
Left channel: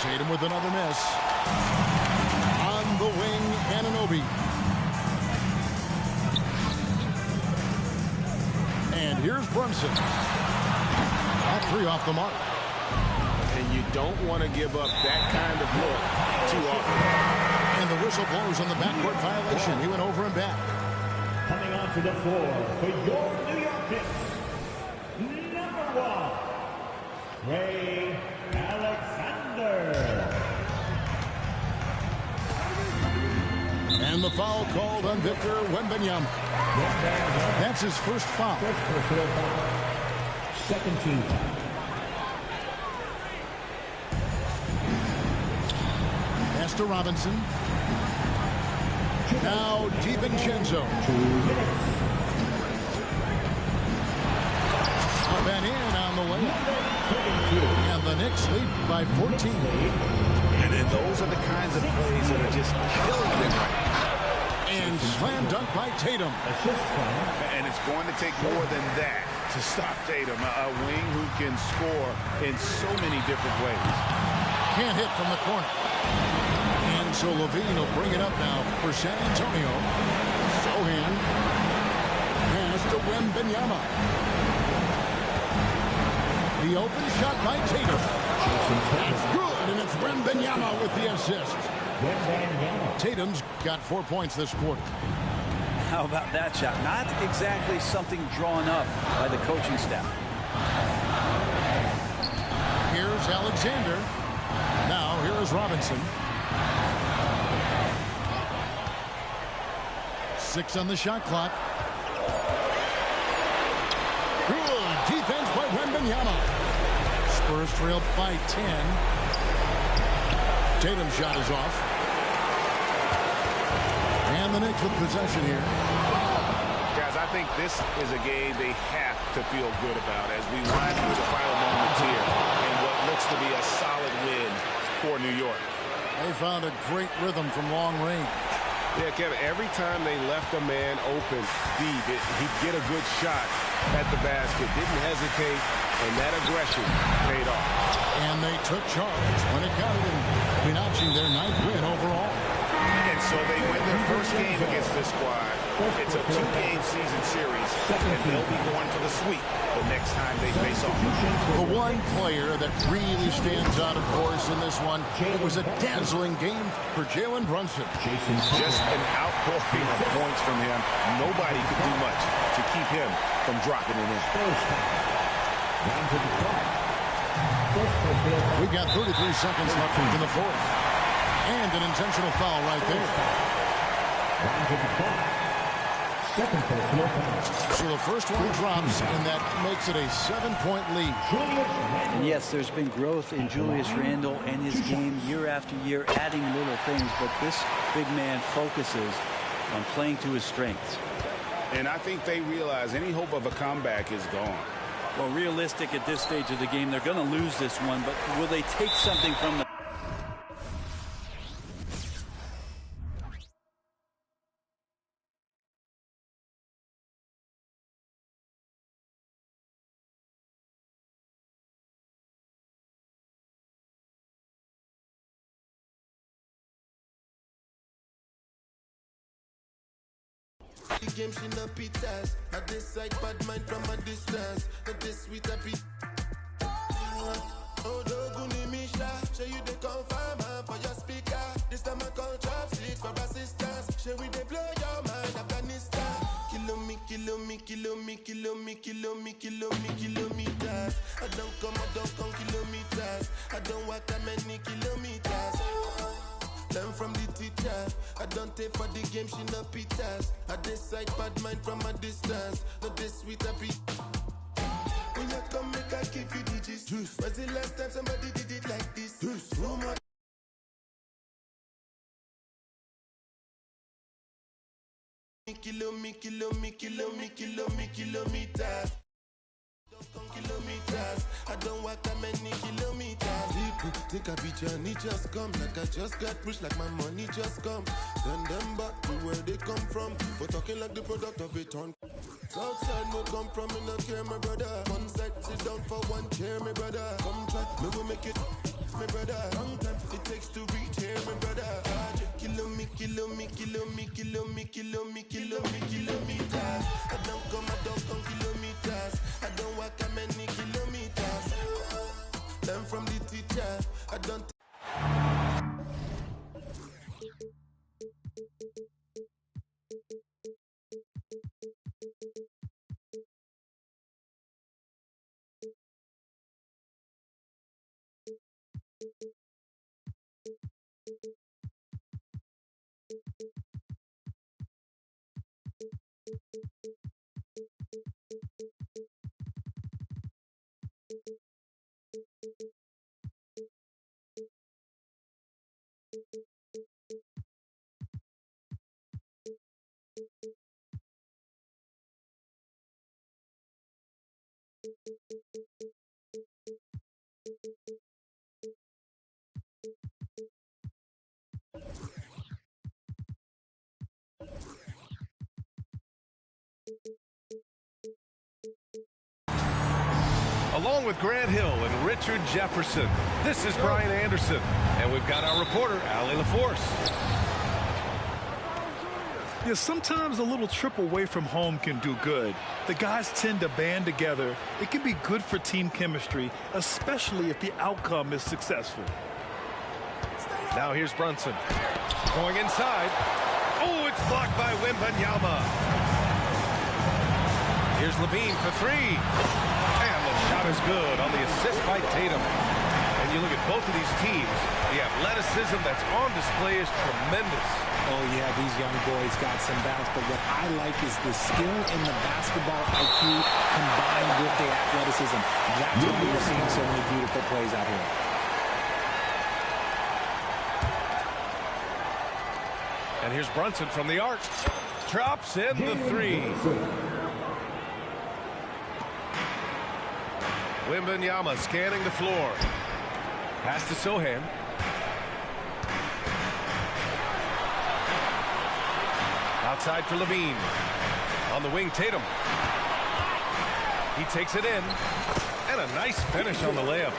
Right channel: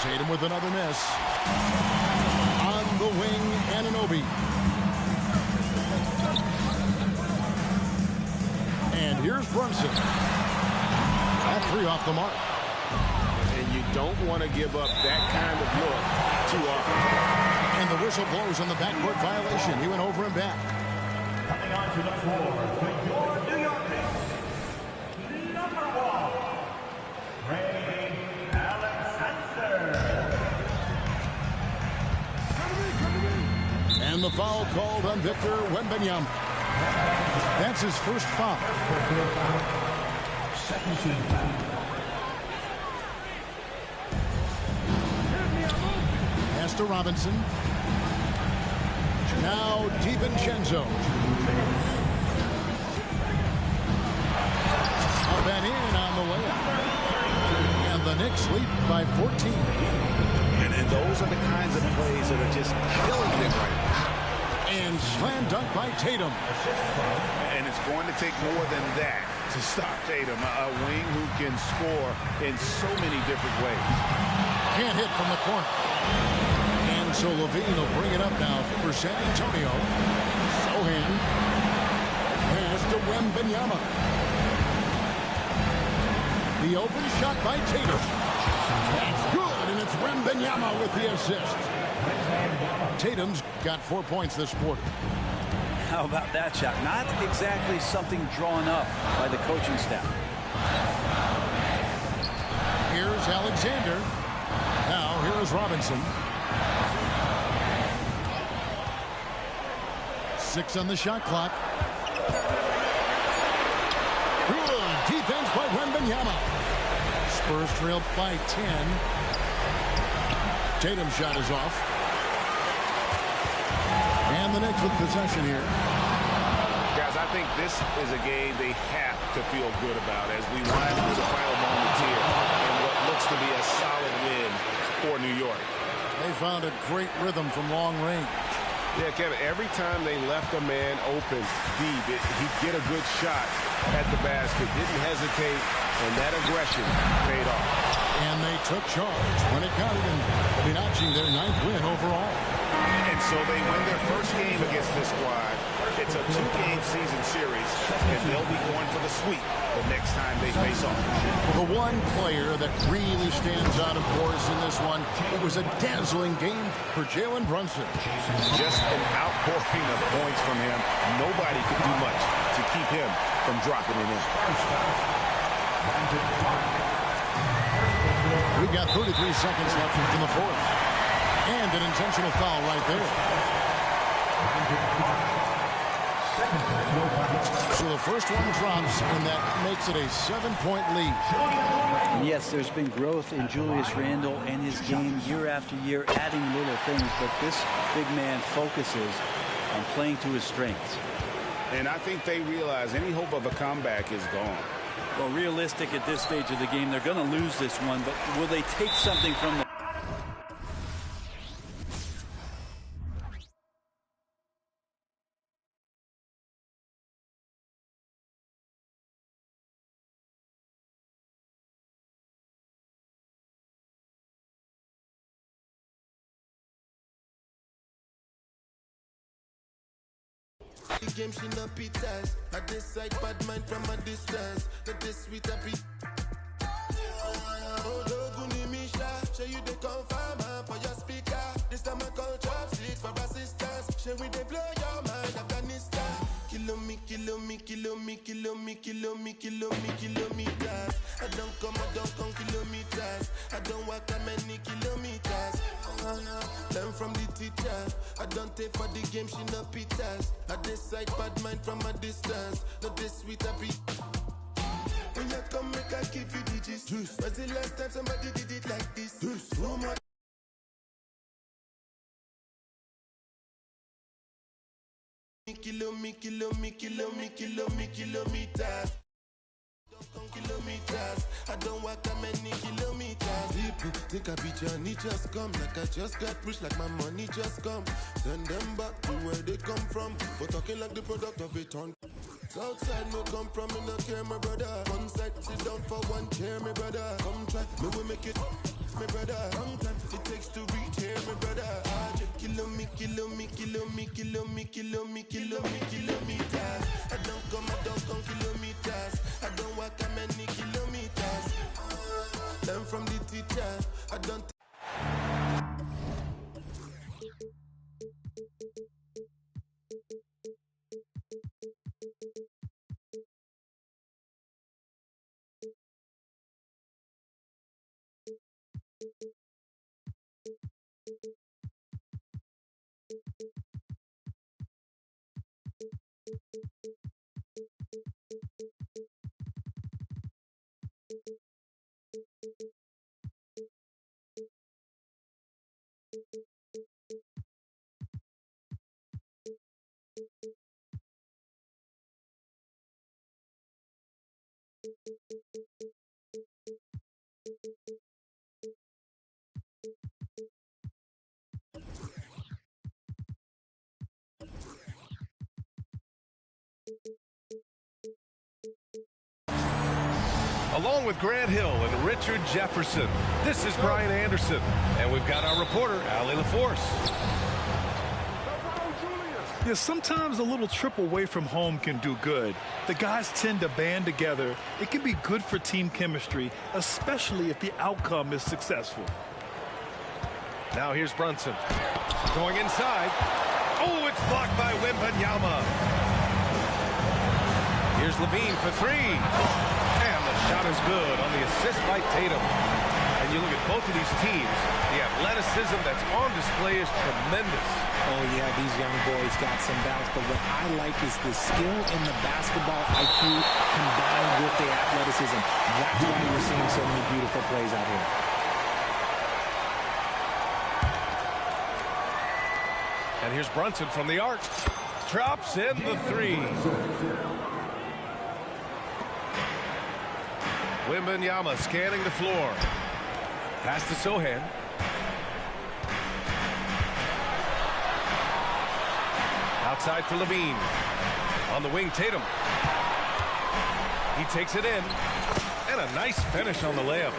Tatum with another miss. On wing, Anunoby. And here's Brunson. That three off the mark. And you don't want to give up that kind of look too often. And the whistle blows on the backcourt violation. He went over and back. Coming onto the floor for your New York Knicks, number 1, Trey Alexander. And the foul called on Victor Wembanyama. That's his first foul. Second team foul. Pass to Robinson. Now DiVincenzo. Up and in on the layup. And the Knicks lead by 14. And those are the kinds of plays that are just killing them right now. And slam dunk by Tatum. And it's going to take more than that to stop Tatum, a wing who can score in so many different ways. Can't hit from the corner. And so Levine will bring it up now for San Antonio. Sohan. Pass to Wembanyama. The open shot by Tatum. That's good, and it's Wembanyama with the assist. Tatum's got 4 points this quarter. How about that shot? Not exactly something drawn up by the coaching staff. Here's Alexander. Now here is Robinson. 6 on the shot clock. Good defense by Wembanyama. Spurs trail by 10. Tatum's shot is off. And the Knicks with possession here. Guys, I think this is a game they have to feel good about as we wind through the final moments here in what looks to be a solid win for New York. They found a great rhythm from long range. Yeah, Kevin, every time they left a man open deep, he'd get a good shot at the basket. Didn't hesitate, and that aggression paid off. And they took charge when it counted and notching their 9th win overall. And so they win their first game against this squad. It's a 2-game season series, and they'll be going for the sweep the next time they face off. The one player that really stands out, of course, in this one, it was a dazzling game for Jalen Brunson. Just an outpouring of points from him. Nobody could do much to keep him from dropping it in. We've got 33 seconds left in the fourth. And an intentional foul right there. So the first one drops, and that makes it a 7-point lead. And yes, there's been growth in Julius Randle and his game year after year, adding little things, but this big man focuses on playing to his strengths. And I think they realize any hope of a comeback is gone. Well, realistic at this stage of the game, they're going to lose this one, but will they take something from the the game she no pitas. I decide bad mind from a distance. Not this sweet happy. Oh, Doguni Misha, show you the confirm for your speaker. This time I call chopsticks for assistance. Show we they blow your mind, Afghanistan. Kilometers. I don't come kilometers. I don't walk that many kilometers. Learn from the teacher. I don't take for the game, she no pitas. I decide bad mind from a distance. Not this sweet happy. When you come, make I give you digits. When's the last time somebody did it like this? Too much. Kilometers. Kilometers. I don't walk that many kilometers. People think I be Johnny just come. Like I just got rich, like my money just come. Send them back to where they come from. For talking like the product of a ton. Southside no come from, me no care, my brother. One side, sit down for one chair, my brother. Come try, me will make it. my brother. Long time it takes to reach here, my brother. Kilometers. I don't come kilometers. I don't walk that many kilometers. Learn from the teacher. I don't. Along with Grant Hill and Richard Jefferson, this is Brian Anderson, and we've got our reporter, Allie LaForce. Yeah, sometimes a little trip away from home can do good. The guys tend to band together. It can be good for team chemistry, especially if the outcome is successful. Now here's Brunson. Going inside. Oh, it's blocked by Wembanyama. Here's Levine for three. And the shot is good on the assist by Tatum. And you look at both of these teams, the athleticism that's on display is tremendous. Oh, yeah, these young boys got some bounce, but what I like is the skill in the basketball IQ combined with the athleticism. That's why you're seeing so many beautiful plays out here. And here's Brunson from the arc. Drops in the three. Wembanyama scanning the floor. Pass to Sohan. Outside for Levine. On the wing, Tatum. He takes it in. And a nice finish on the layup.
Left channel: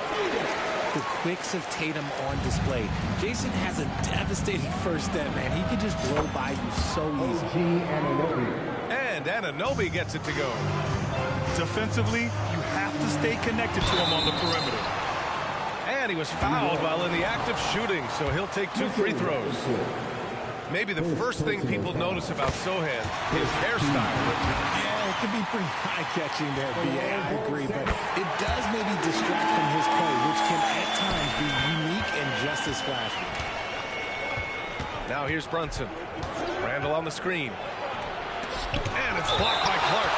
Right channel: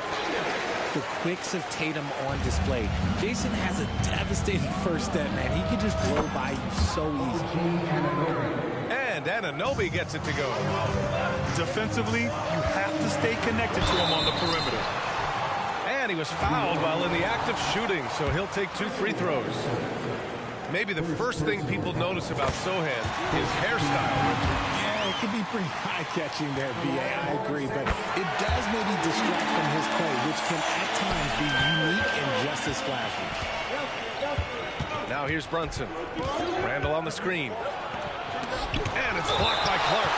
The quicks of Tatum on display. Jason has a devastating first step, man. He can just blow by you so easy. And Anunoby gets it to go. Defensively, you have to stay connected to him on the perimeter. And he was fouled while in the act of shooting, so he'll take 2 free throws. Maybe the first thing people notice about Sohan is hairstyle, Richard. Yeah, it could be pretty eye-catching there, B.A. I agree, but it does maybe distract from his play, which can at times be unique and just as flashy. Now here's Brunson. Randall on the screen. And it's blocked by Clark.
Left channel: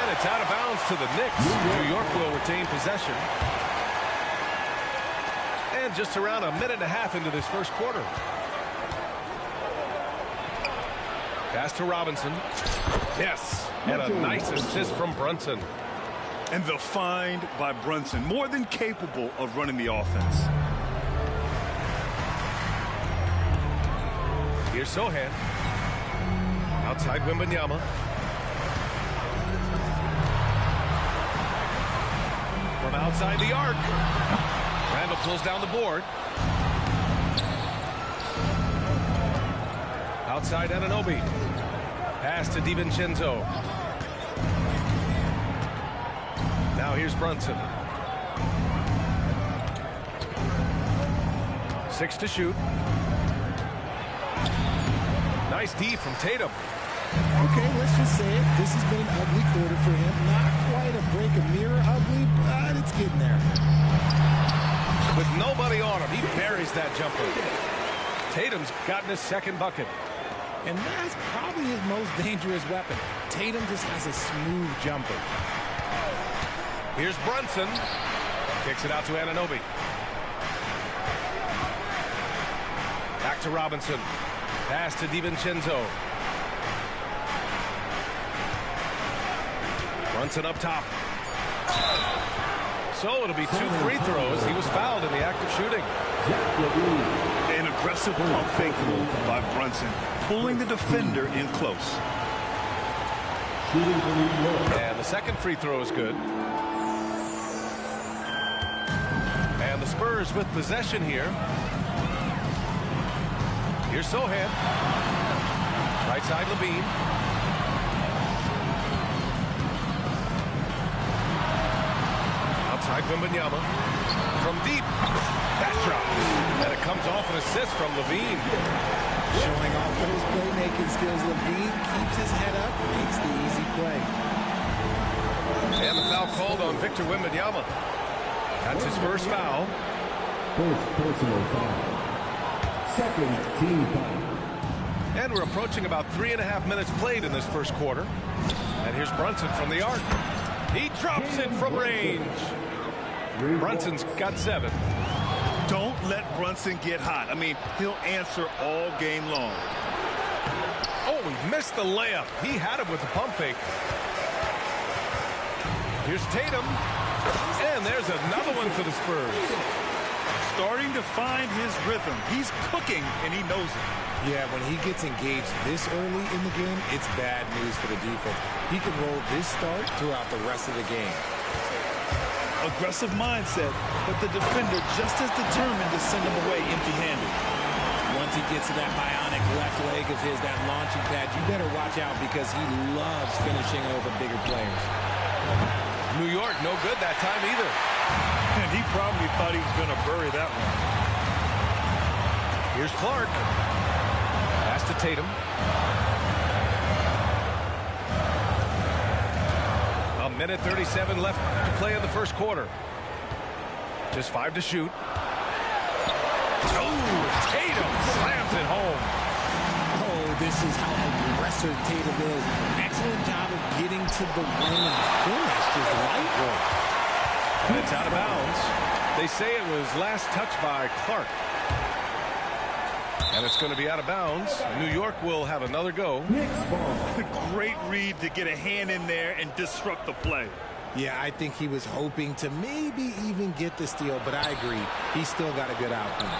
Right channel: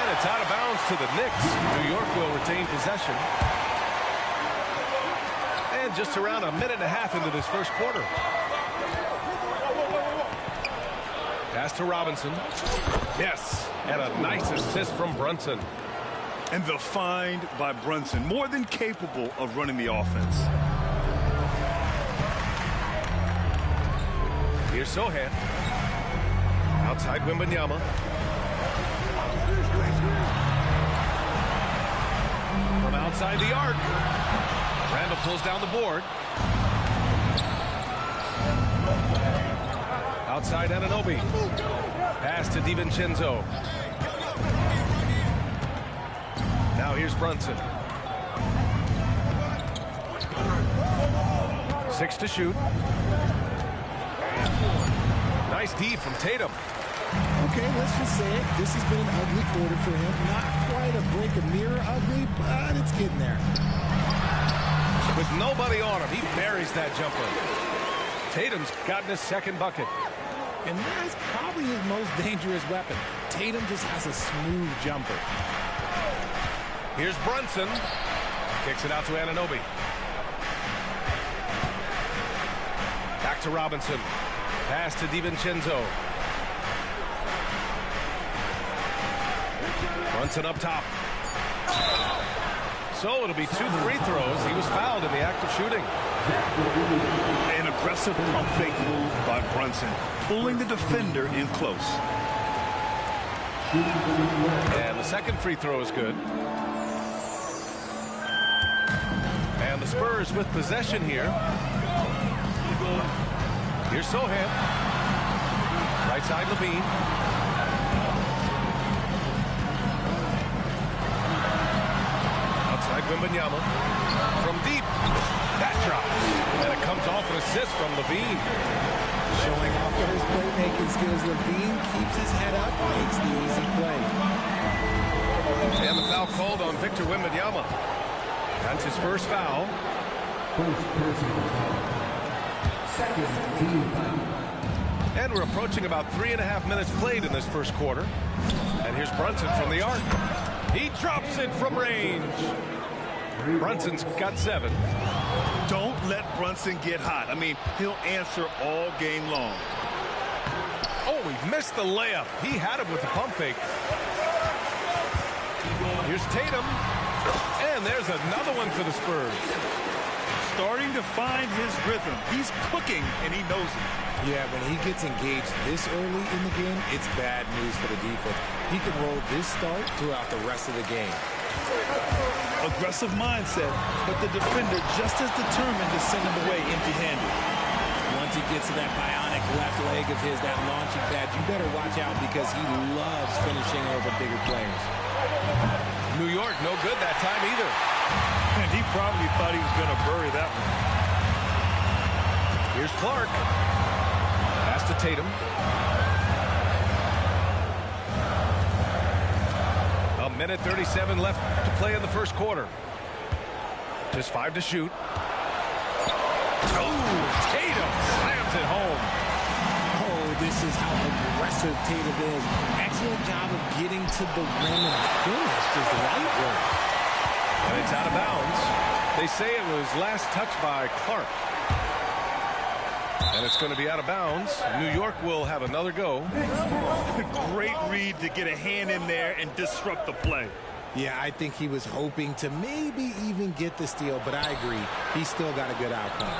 And it's out of bounds to the Knicks. New York will retain possession. And just around a minute and a half into this first quarter. Pass to Robinson. Yes, and a nice assist from Brunson. And the find by Brunson, more than capable of running the offense. Here's Sohan. Outside Wembanyama. From outside the arc. Randall pulls down the board. Outside Anunoby. Pass to DiVincenzo. Now here's Brunson. 6 to shoot. Nice D from Tatum. Okay, let's just say it. This has been an ugly quarter for him. Not quite a break a mirror ugly, but it's getting there. With nobody on him, he buries that jumper. Tatum's gotten his second bucket. And that's probably his most dangerous weapon. Tatum just has a smooth jumper. Here's Brunson. Kicks it out to Anunoby. Back to Robinson. Pass to DiVincenzo. Brunson up top. So it'll be 2 free throws. He was fouled in the act of shooting. An aggressive pump fake move by Brunson, pulling the defender in close. And the second free throw is good. And And the Spurs with possession here. Here's Sochan. Right side, Levine. Outside, Wembanyama. From deep. That drops. And it comes off an assist from Levine. Showing off those playmaking skills. Levine keeps his head up, makes the easy play. And the foul called on Victor Wembanyama. That's his first foul. First personal foul. Second team foul. And we're approaching about 3.5 minutes played in this first quarter. And here's Brunson from the arc. He drops it from range. Brunson's got 7. Don't let Brunson get hot. I mean, he'll answer all game long. Oh, he missed the layup. He had it with the pump fake. Here's Tatum. And there's another one for the Spurs. Starting to find his rhythm. He's cooking, and he knows it. Yeah, when he gets engaged this early in the game, it's bad news for the defense. He can roll this start throughout the rest of the game. Aggressive mindset, but the defender just as determined to send him away empty-handed. Once he gets to that bionic left leg of his, that launching pad, you better watch out because he loves finishing over bigger players. New York, no good that time either. And he probably thought he was going to bury that one. Here's Clark. Pass to Tatum. A minute 37 left to play in the first quarter. Just 5 to shoot. Oh, Tatum slams it home. Oh, this is how aggressive Tatum is. Excellent job of getting to the rim and finish. Just light work. And it's out of bounds. They say it was last touched by Clark. And it's going to be out of bounds. New York will have another go. Great read to get a hand in there and disrupt the play. Yeah, I think he was hoping to maybe even get the steal, but I agree. He still got a good outcome.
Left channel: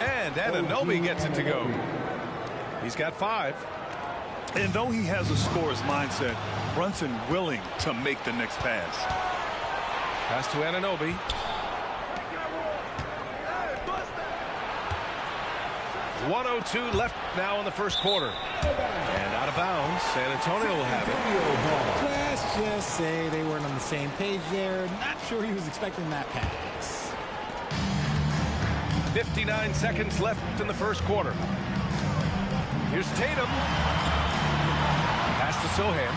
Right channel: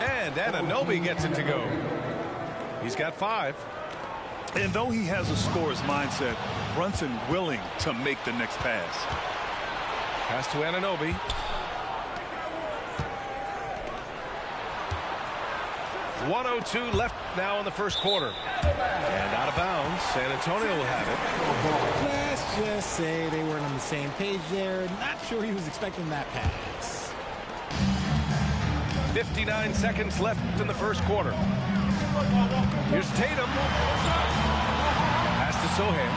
And Anunoby gets it to go. He's got 5. And though he has a scorer's mindset, Brunson willing to make the next pass. Pass to Anunoby. .102 left now in the first quarter. And out of bounds. San Antonio will have it. Let's just say they weren't on the same page there. Not sure he was expecting that pass. 59 seconds left in the first quarter. Here's Tatum. Pass to Sochan.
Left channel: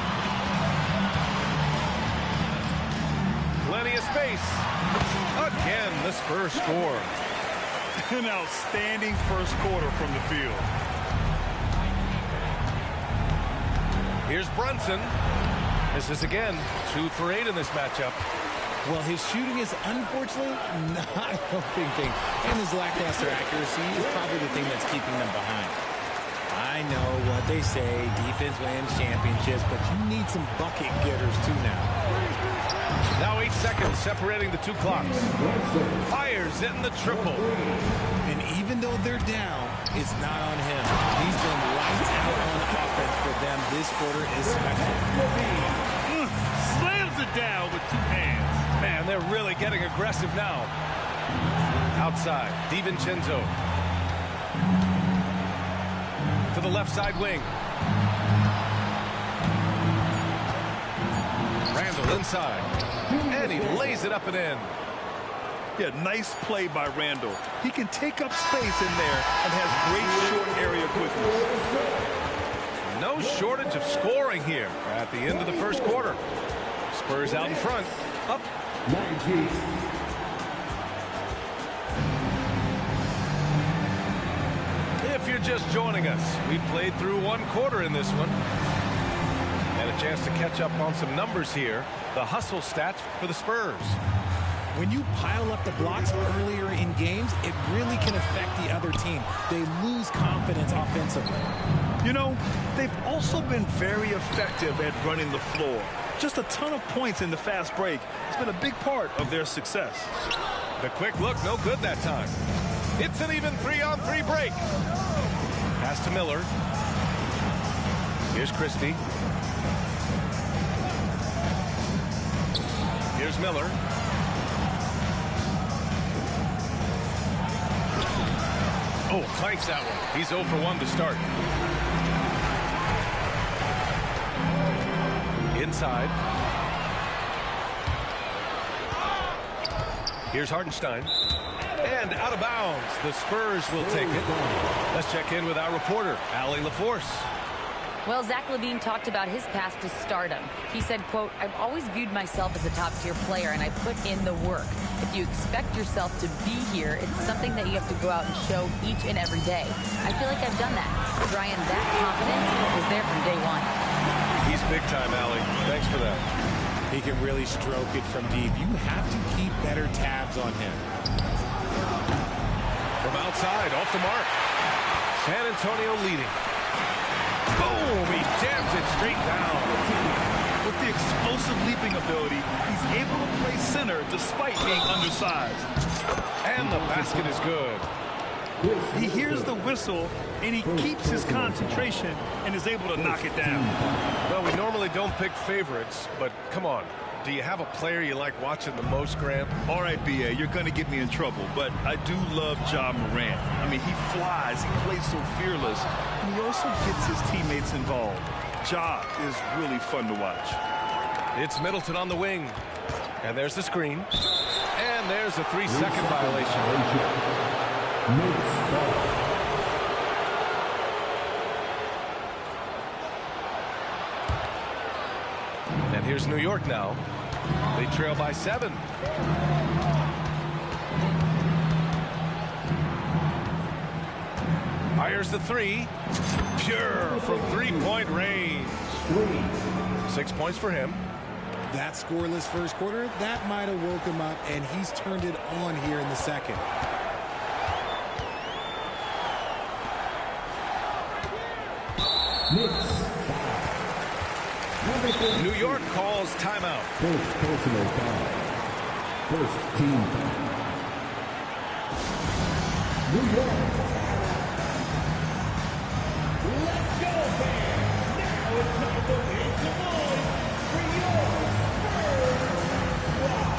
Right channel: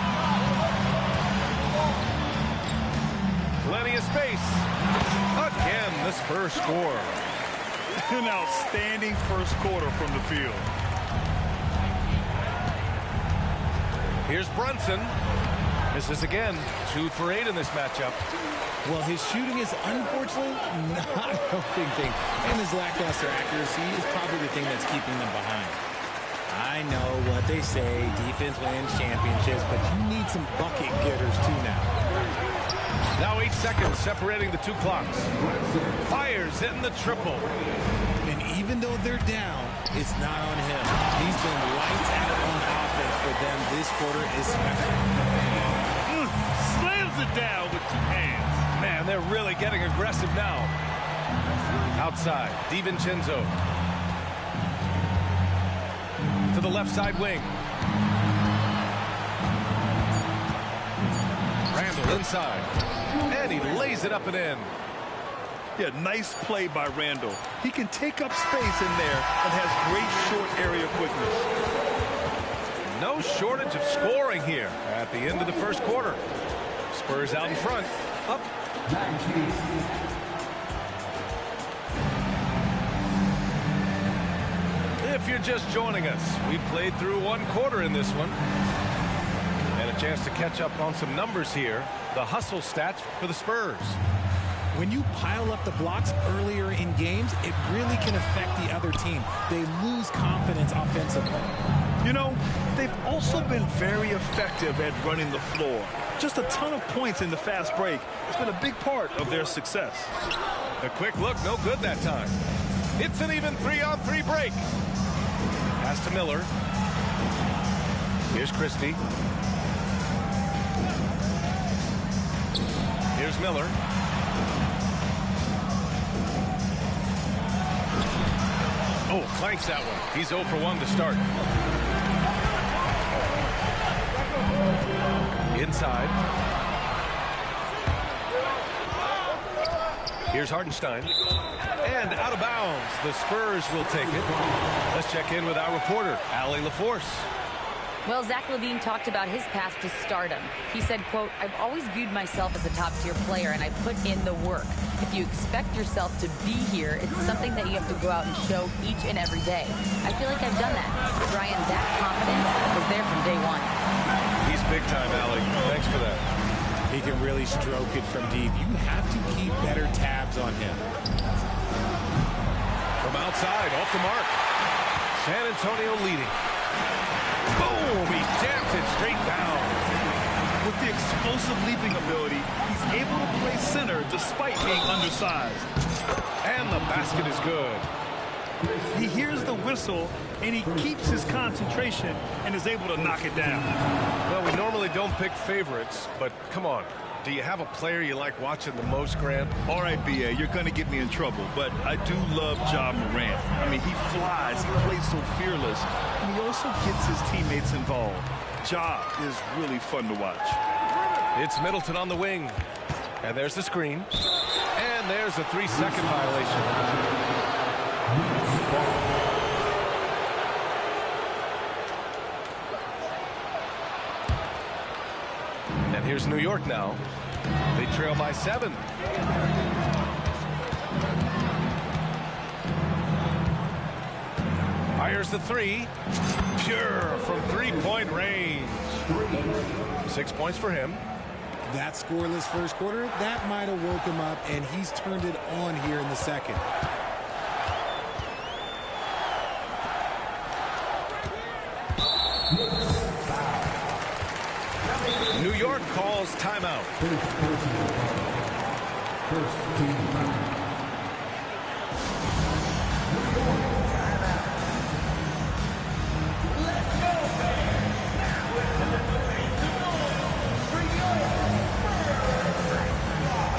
Plenty of space. Again, the Spurs score. An outstanding first quarter from the field. Here's Brunson. Misses again. 2 for 8 in this matchup. Well, his shooting is unfortunately not helping things. And his lackluster accuracy is probably the thing that's keeping them behind. I know what they say, defense wins championships, but you need some bucket getters too now. Now 8 seconds separating the 2 clocks. Fires in the triple. And even though they're down, it's not on him. He's been lights out on offense for them this quarter especially. Slams it down with 2 hands. Man, they're really getting aggressive now. Outside, DiVincenzo. To the left side wing. Randall inside. And he lays it up and in. Yeah, nice play by Randall. He can take up space in there and has great short area quickness. No shortage of scoring here at the end of the first quarter. Spurs out in front. Up. 19. If you're just joining us, we played through 1 quarter in this one. And a chance to catch up on some numbers here. The hustle stats for the Spurs. When you pile up the blocks earlier in games, it really can affect the other team. They lose confidence offensively. You know, they've also been very effective at running the floor. Just a ton of points in the fast break. It's been a big part of their success. The quick look, no good that time. It's an even 3-on-3 break. Pass to Miller. Here's Christie. Here's Miller. Oh, clanks that one. He's 0 for 1 to start. Inside. Here's Hartenstein. And out of bounds. The Spurs will take it. Let's check in with our reporter, Allie LaForce. Well, Zach LaVine talked about his path to stardom. He said, quote, "I've always viewed myself as a top-tier player, and I put in the work. If you expect yourself to be here, it's something that you have to go out and show each and every day. I feel like I've done that." Brian, that confidence was there from day one. He's big time, Allie. Thanks for that. He can really stroke it from deep. You have to keep better tabs on him. From outside, off the mark. San Antonio leading. Boom! He jams it straight down. With the explosive leaping ability, he's able to play center despite being undersized. And the basket is good. He hears the whistle, and he keeps his concentration and is able to knock it down. Well, we normally don't pick favorites, but come on. Do you have a player you like watching the most, Grant? All right, B.A., you're going to get me in trouble, but I do love Ja Morant. I mean, he flies, he plays so fearless, and he also gets his teammates involved. Ja is really fun to watch. It's Middleton on the wing. And there's the screen. And there's a 3-second violation. And here's New York now. They trail by 7. Fires the 3. Pure from 3-point range. 6 points for him. That scoreless first quarter, that might have woke him up, and he's turned it on here in the second. New York calls timeout. First personal foul. First team foul. New York timeout. Let's go, fans. Now it's time to make some noise for your first squad.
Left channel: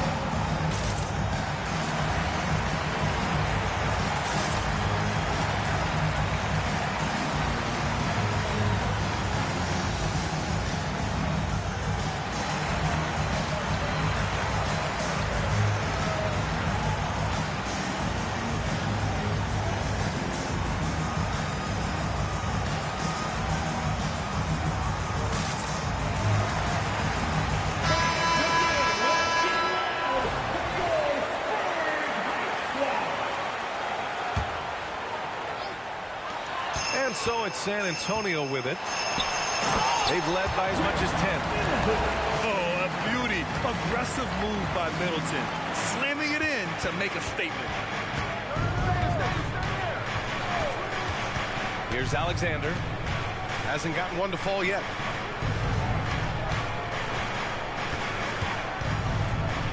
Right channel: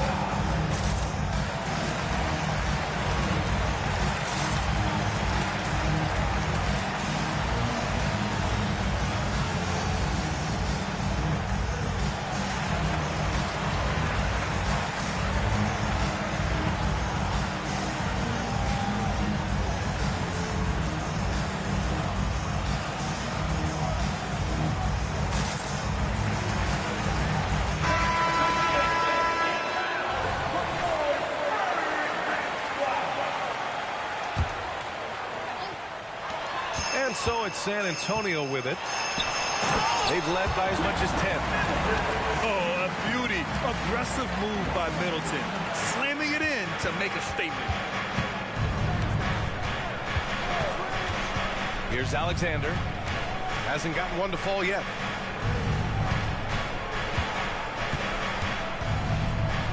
And so it's San Antonio with it. They've led by as much as 10. Oh, a beauty. Aggressive move by Middleton. Slamming it in to make a statement. Here's Alexander. Hasn't gotten one to fall yet.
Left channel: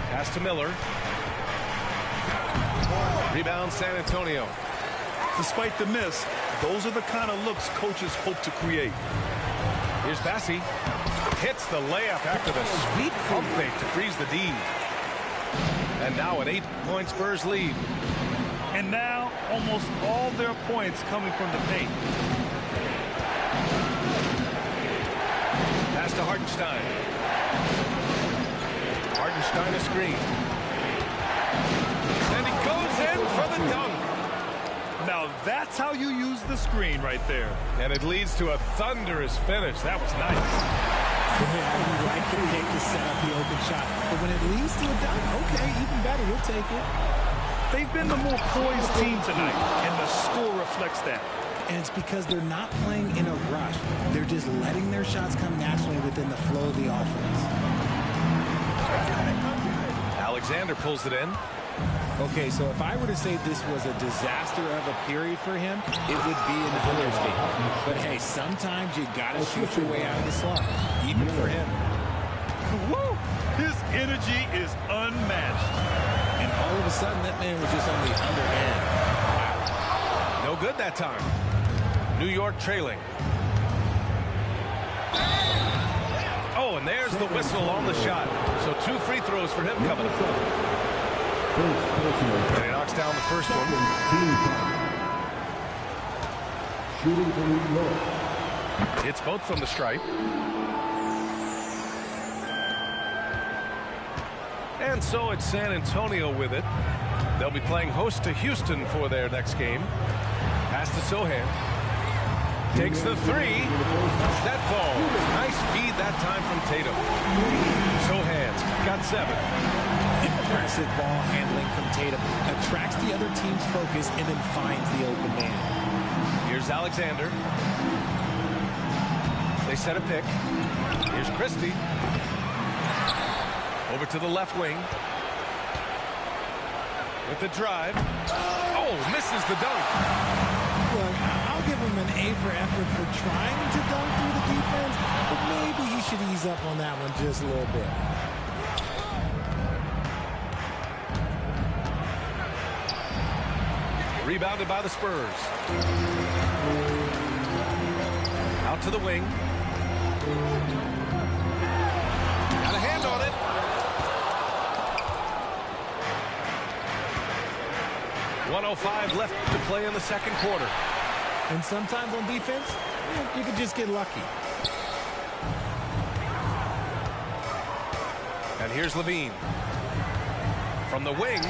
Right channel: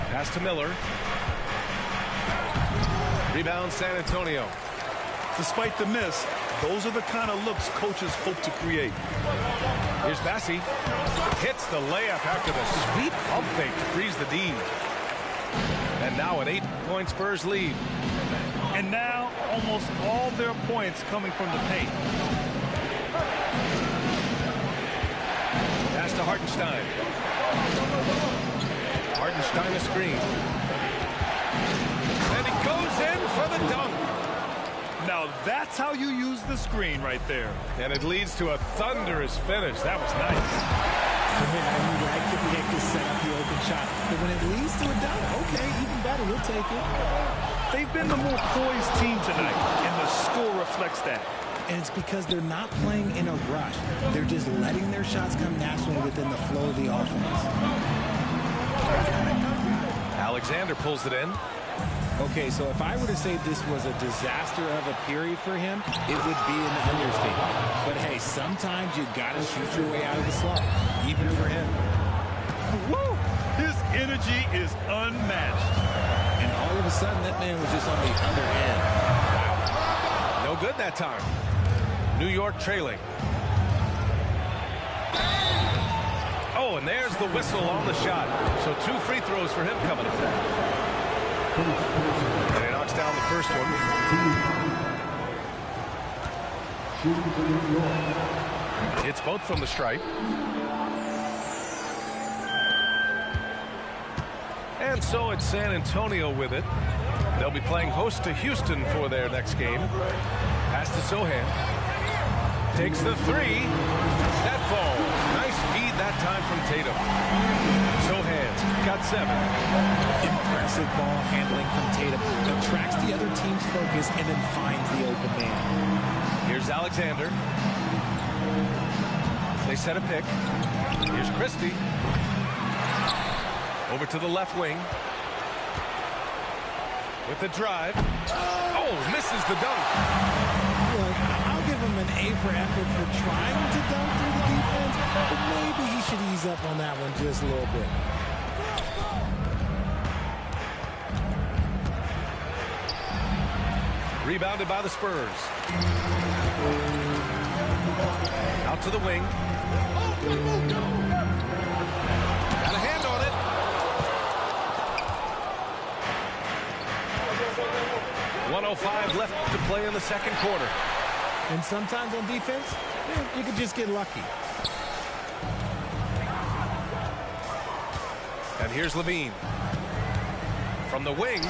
Pass to Miller. Rebound San Antonio. Despite the miss, those are the kind of looks coaches hope to create. Here's Bassi. Hits the layup after the sweet pump fake to freeze the D. And now an 8-point Spurs lead. And now almost all their points coming from the paint. Pass to Hartenstein. Hartenstein a screen. And he goes in for the dunk. Now that's how you use the screen right there. And it leads to a thunderous finish. That was nice. Yeah, you like the pick to set up the open shot. But when it leads to a dunk, okay, even better, we'll take it. They've been the more poised team tonight, and the score reflects that. And it's because they're not playing in a rush. They're just letting their shots come naturally within the flow of the offense. Alexander pulls it in. Okay, so if I were to say this was a disaster of a period for him, it would be an understatement. But hey, sometimes you gotta shoot your way out of the slump, even for him. Woo! His energy is unmatched. And all of a sudden, that man was just on the other end. Wow. No good that time. New York trailing. Oh, and there's the whistle on the shot. So 2 free throws for him coming up. And he knocks down the first one. Shooting for New York. It's both from the stripe. And so it's San Antonio with it. They'll be playing host to Houston for their next game. Pass to Sohan. Takes the three. That falls. Nice feed that time from Tatum. Sohan's got 7. Impressive ball handling from Tatum. Attracts the other team's focus and then finds the open man. Here's Alexander. They set a pick. Here's Christie. Over to the left wing. With the drive. Oh, misses the dunk. Look, I'll give him an A for effort for trying to dunk through the defense, but maybe he should ease up on that one just a little bit. Rebounded by the Spurs. Out to the wing. Got a hand on it. .105 left to play in the second quarter. And sometimes on defense, you could just get lucky. And here's Levine. From the wing.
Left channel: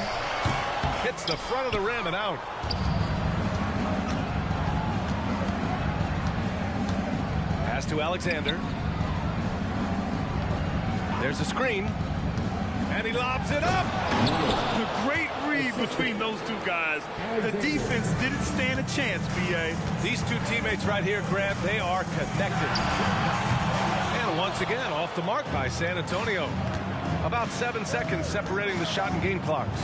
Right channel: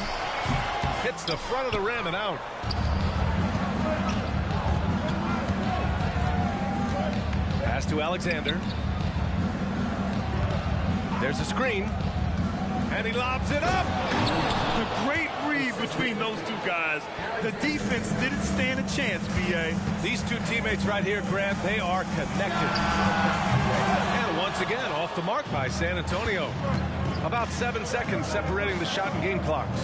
Hits the front of the rim and out. Pass to Alexander. There's a screen. And he lobs it up. The great read between those two guys. The defense didn't stand a chance, B.A. These two teammates right here, Grant, they are connected. And once again, off the mark by San Antonio. About 7 seconds separating the shot and game clocks.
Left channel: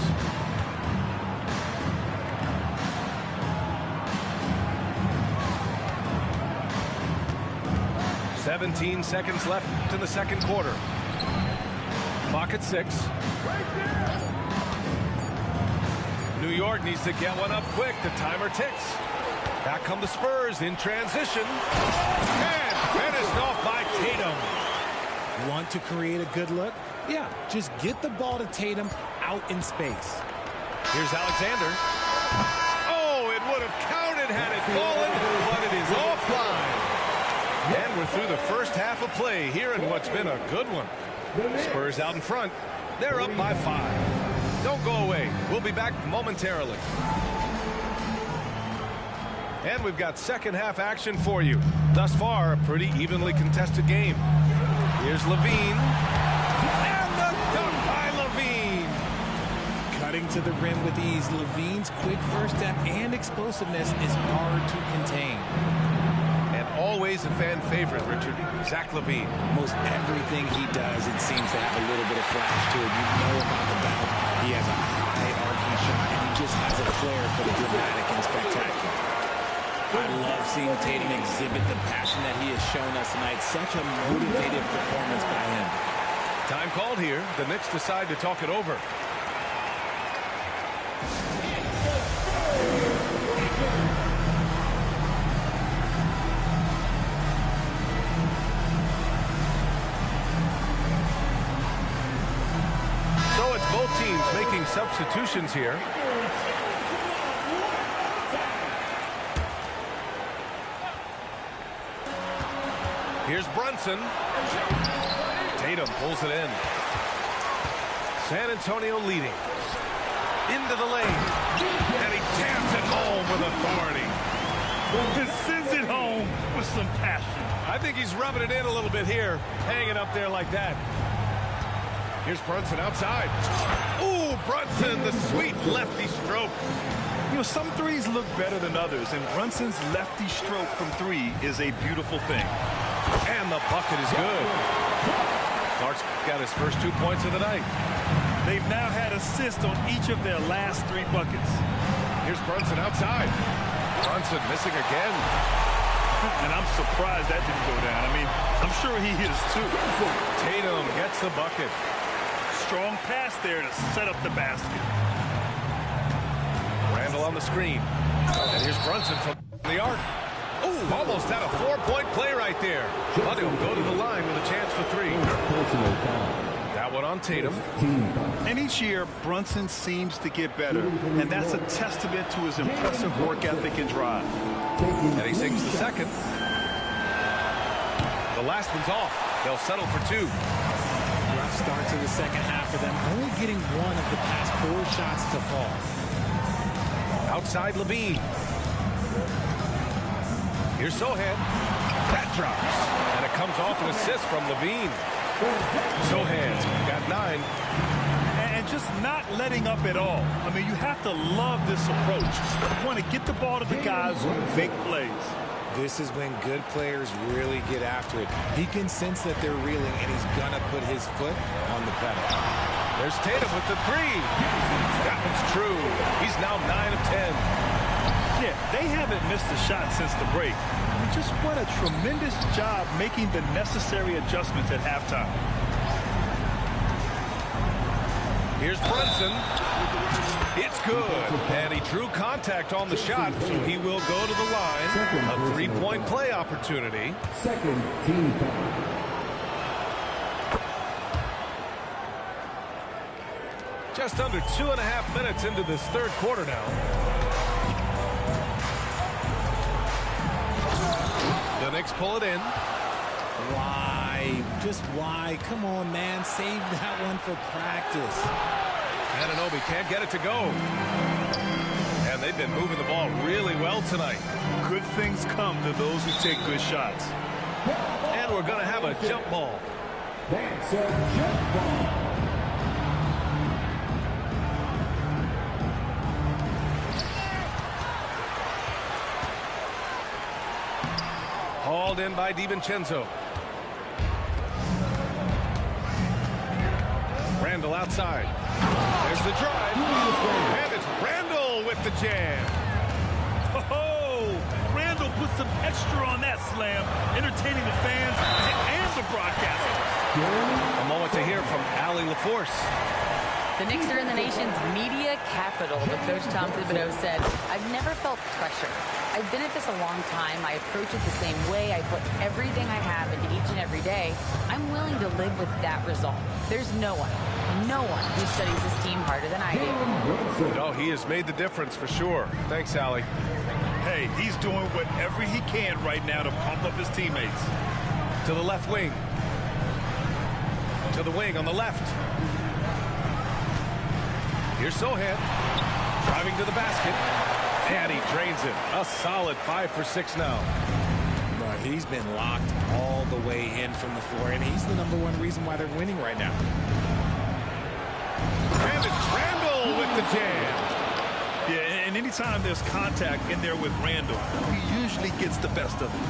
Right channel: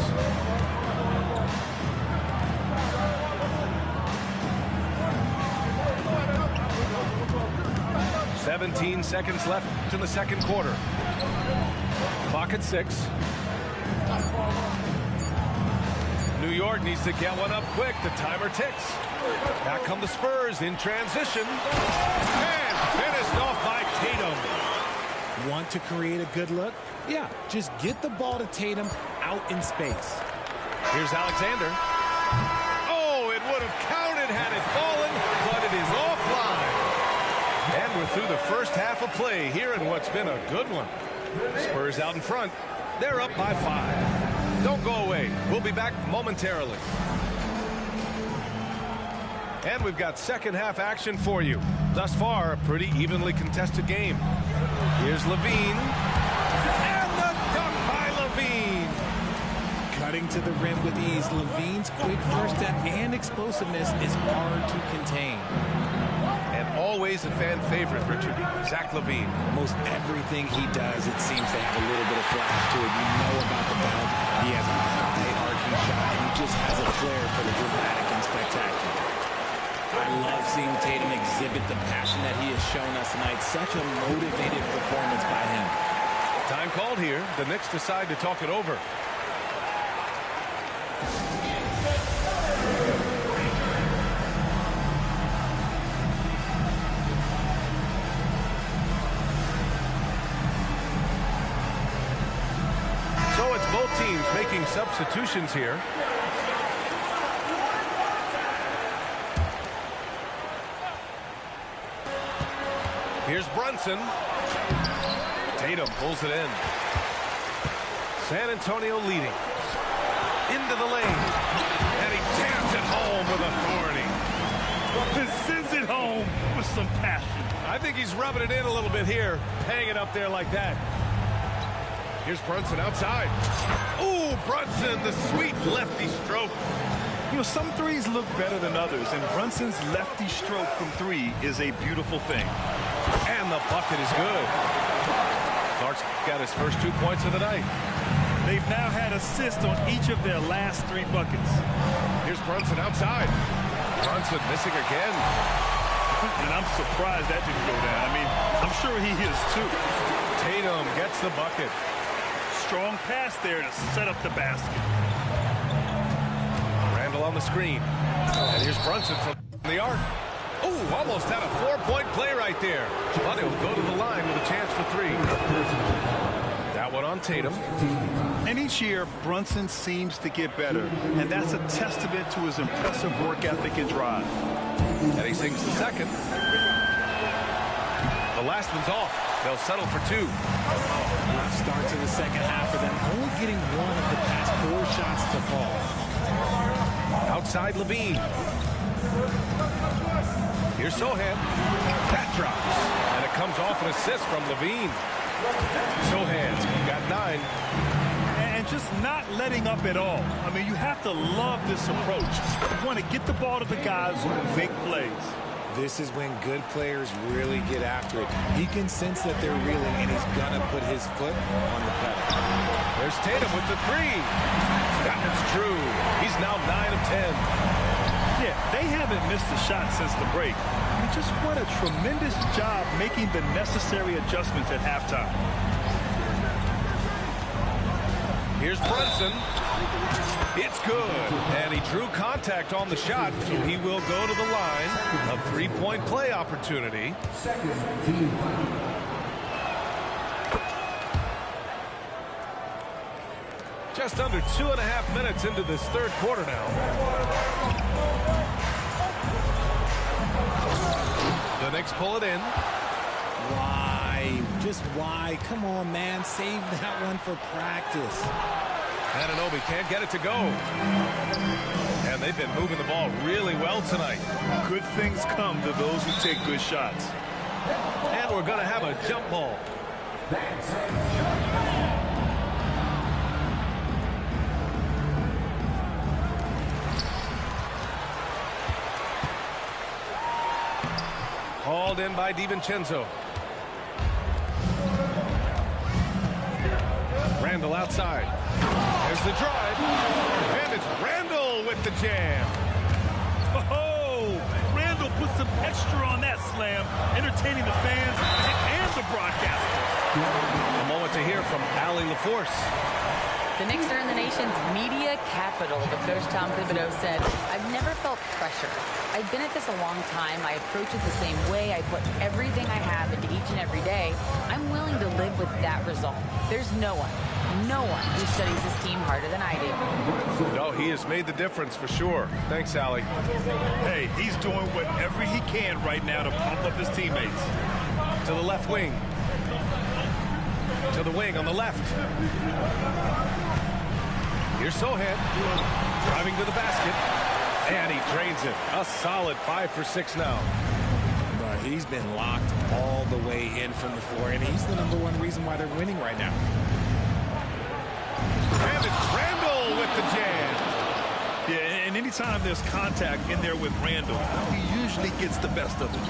"17 seconds left in the second quarter. Clock at 6. New York needs to get one up quick. The timer ticks. Back come the Spurs in transition. And finished off by Tatum. Want to create a good look? Yeah, just get the ball to Tatum out in space. Here's Alexander. Oh, it would have counted had it fallen, but it is offline. And we're through the first half of play here in what's been a good one. Spurs out in front. They're up by 5. Don't go away. We'll be back momentarily. And we've got second half action for you. Thus far, a pretty evenly contested game. Here's Levine. And the dunk by Levine. Cutting to the rim with ease. Levine's quick first step and explosiveness is hard to contain. And always a fan favorite, Richard, Zach LaVine. Most everything he does, it seems to have a little bit of flash to it. You know about the bounce. He has a high arcing shot, and he just has a flair for the dramatic and spectacular. I love seeing Tatum exhibit the passion that he has shown us tonight. Such a motivated performance by him. Time called here. The Knicks decide to talk it over. So it's both teams making substitutions here. Here's Brunson. Tatum pulls it in. San Antonio leading. Into the lane. And he jams it home with authority. And sends it home with some passion. I think he's rubbing it in a little bit here. Hanging up there like that. Here's Brunson outside. Ooh, Brunson, the sweet lefty stroke. You know, some threes look better than others, and Brunson's lefty stroke from 3 is a beautiful thing. And the bucket is good. Clark's got his first 2 points of the night. They've now had assists on each of their last 3 buckets. Here's Brunson outside. Brunson missing again. And I'm surprised that didn't go down. I mean, I'm sure he is too. Tatum gets the bucket. Strong pass there to set up the basket. Randall on the screen. And here's Brunson from the arc. Ooh, almost had a 4-point play right there. But he'll go to the line with a chance for 3. That one on Tatum. And each year, Brunson seems to get better, and that's a testament to his impressive work ethic and drive. And he sinks the second. The last one's off. They'll settle for 2. Rough start to the second half for them, only getting one of the past 4 shots to fall. Outside Levine. Here's Sohan. That drops. And it comes off an assist from Levine. Sohan's got 9. And just not letting up at all. I mean, you have to love this approach. You want to get the ball to the guys who make plays. This is when good players really get after it. He can sense that they're reeling, and he's going to put his foot on the pedal. There's Tatum with the 3. That one's true. He's now 9 of 10. Yeah, they haven't missed a shot since the break. I mean, just what a tremendous job making the necessary adjustments at halftime. Here's Brunson. It's good. And he drew contact on the shot, so he will go to the line. A 3-point play opportunity. Second team. Just under 2.5 minutes into this third quarter now. The Knicks pull it in. Why? Just why? Come on, man. Save that one for practice. Anunoby can't get it to go. And they've been moving the ball really well tonight. Good things come to those who take good shots. And we're going to have a jump ball. That's a jump ball. Hauled in by DiVincenzo. Randall outside. There's the drive. And it's Randall with the jam. Oh, Randall put some extra on that slam, entertaining the fans and the broadcasters. A moment to hear from Allie LaForce. The Knicks are in the nation's media capital, but Coach Tom Thibodeau said, I've never felt pressure. I've been at this a long time. I approach it the same way. I put everything I have into each and every day. I'm willing to live with that result. There's no one who studies this team harder than I do. No, he has made the difference for sure. Thanks, Allie. Hey, he's doing whatever he can right now to pump up his teammates. To the left wing. To the wing on the left. Here's Sohan. Driving to the basket. And he drains it. A solid 5 for 6 now. But he's been locked all the way in from the floor, and he's the #1 reason why they're winning right now. And it's Randall with the jam. Yeah, and anytime there's contact in there with Randall, he usually gets the best of it.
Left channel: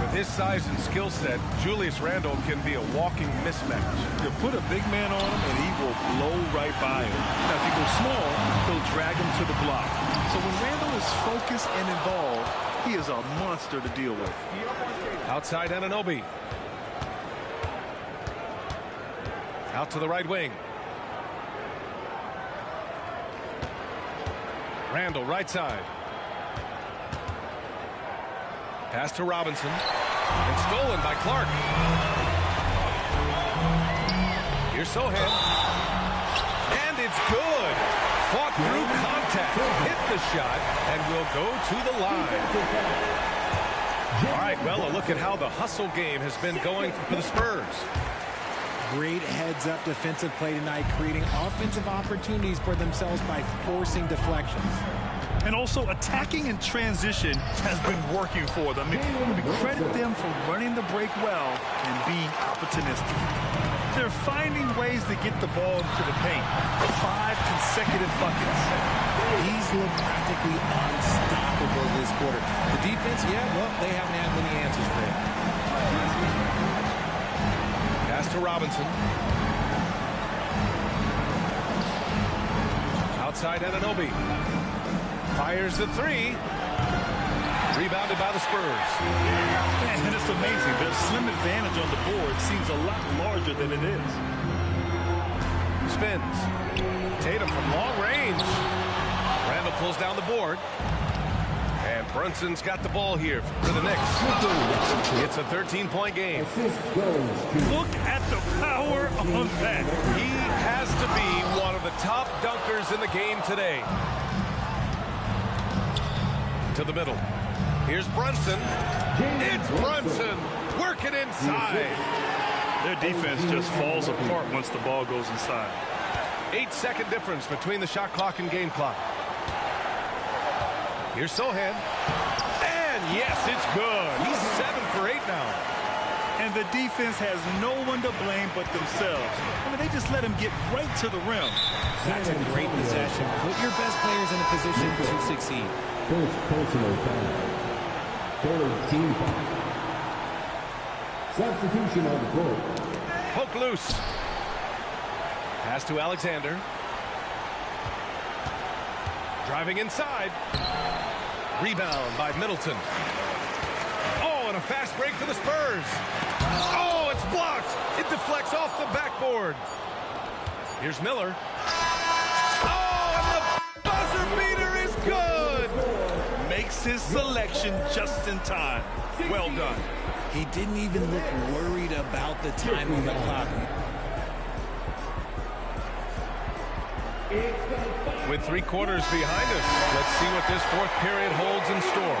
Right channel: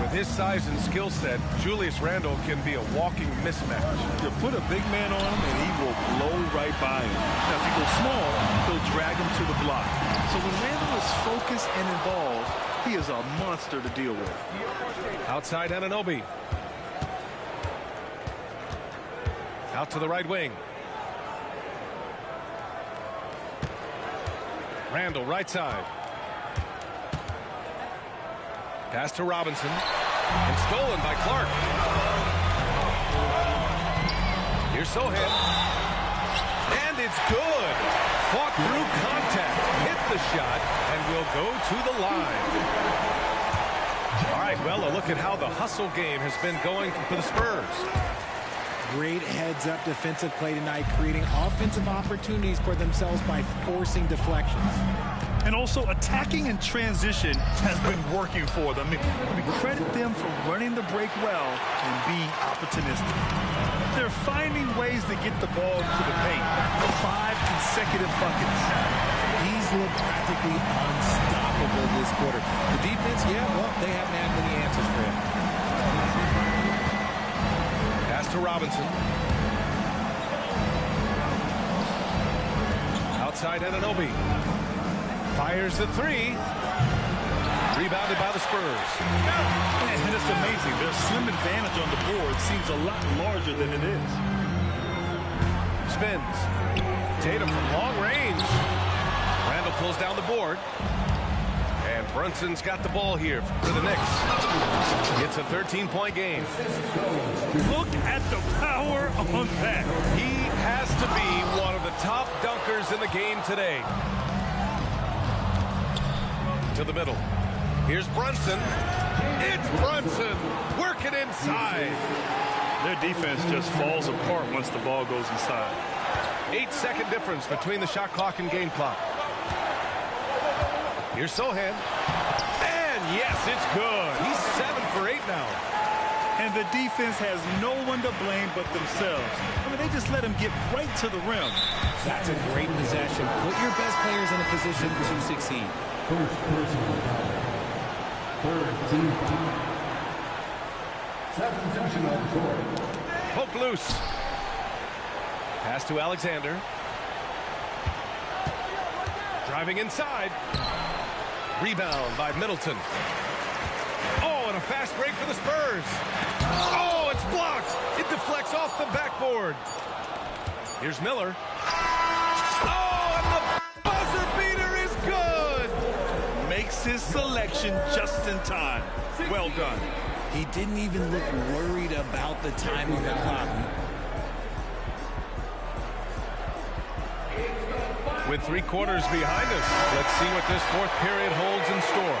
With his size and skill set, Julius Randle can be a walking mismatch. You put a big man on him, and he will blow right by him. Now, if you go small, he'll drag him to the block. So when Randall is focused and involved, he is a monster to deal with. Outside Anunoby. Out to the right wing. Randall, right side. Pass to Robinson. And stolen by Clark. Here's Sohan. And it's good. Fought through contact. Hit the shot. And will go to the line. All right, well, a look at how the hustle game has been going for the Spurs. Great heads-up defensive play tonight, creating offensive opportunities for themselves by forcing deflections. And also attacking in transition has been working for them. I mean, credit them for running the break well and being opportunistic. They're finding ways to get the ball into the paint. 5 consecutive buckets. He's looked practically unstoppable this quarter. The defense, yeah, well, they haven't had many answers for him. Pass to Robinson. Outside Anunoby. Fires the 3. Rebounded by the Spurs. And it's amazing. Their slim advantage on the board seems a lot larger than it is. Spins. Tatum from long range. Randall pulls down the board. And Brunson's got the ball here for the Knicks. It's a 13-point game. Look at the power on that. He has to be one of the top dunkers in the game today. To the middle. Here's Brunson. It's Brunson. Working inside. Their defense just falls apart once the ball goes inside. 8-second difference between the shot clock and game clock. Here's Sohan. And yes, it's good. He's 7 for 8 now. And the defense has no one to blame but themselves. I mean, they just let him get right to the rim. That's a great possession. Put your best players in a position to succeed. First personal foul. Third team foul. Substitution on the court. Poke loose. Pass to Alexander. Driving inside. Rebound by Middleton. Oh, and a fast break for the Spurs. Oh, it's blocked. It deflects off the backboard. Here's Miller. Oh, and the buzzer beater is good. Makes his selection just in time. Well done. He didn't even look worried about the time on the clock. With 3 quarters behind us, let's see what this fourth period holds in store.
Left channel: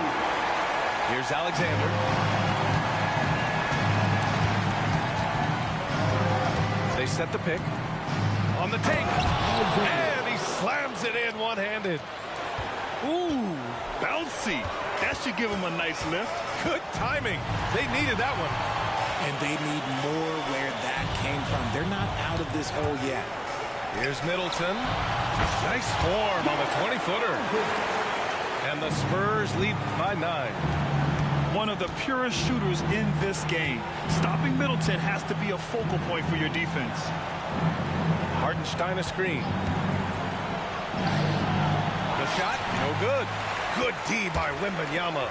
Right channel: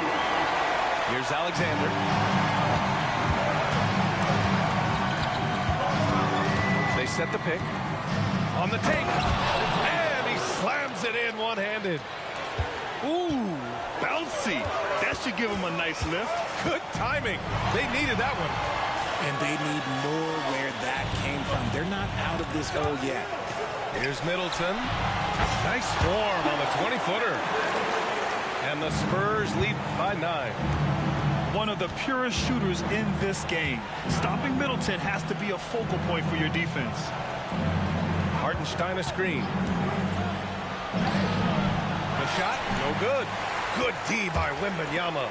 Here's Alexander. They set the pick. On the take. And he slams it in one-handed. Ooh, bouncy. That should give him a nice lift. Good timing. They needed that one. And they need more where that came from. They're not out of this hole yet. Here's Middleton. Nice form on the 20-footer. And the Spurs lead by 9. One of the purest shooters in this game. Stopping Middleton has to be a focal point for your defense. Hartenstein a screen. The shot, no good. Good D by Wembanyama.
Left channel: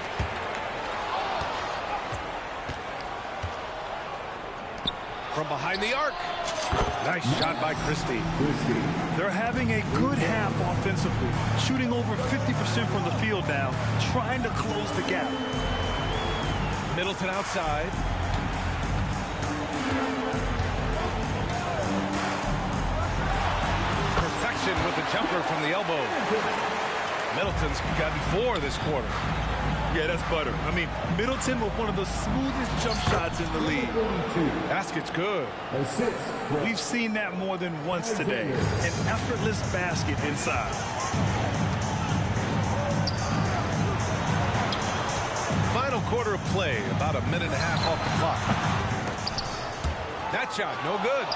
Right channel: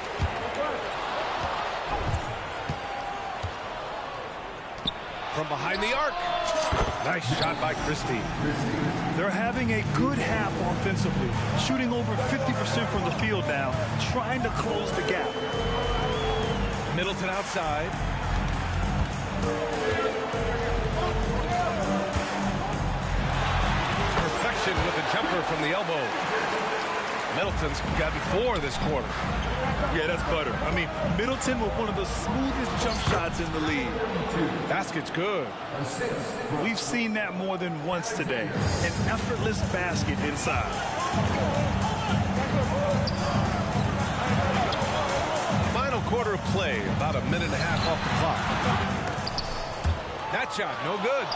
From behind the arc. Nice shot by Christie. They're having a good half offensively, shooting over 50% from the field now, trying to close the gap. Middleton outside. Perfection with the jumper from the elbow. Middleton's gotten 4 this quarter. Yeah, that's butter. I mean, Middleton with one of the smoothest jump shots in the league. Basket's good. We've seen that more than once today. An effortless basket inside. Final quarter of play, about a minute and a half off the clock. That shot, no good.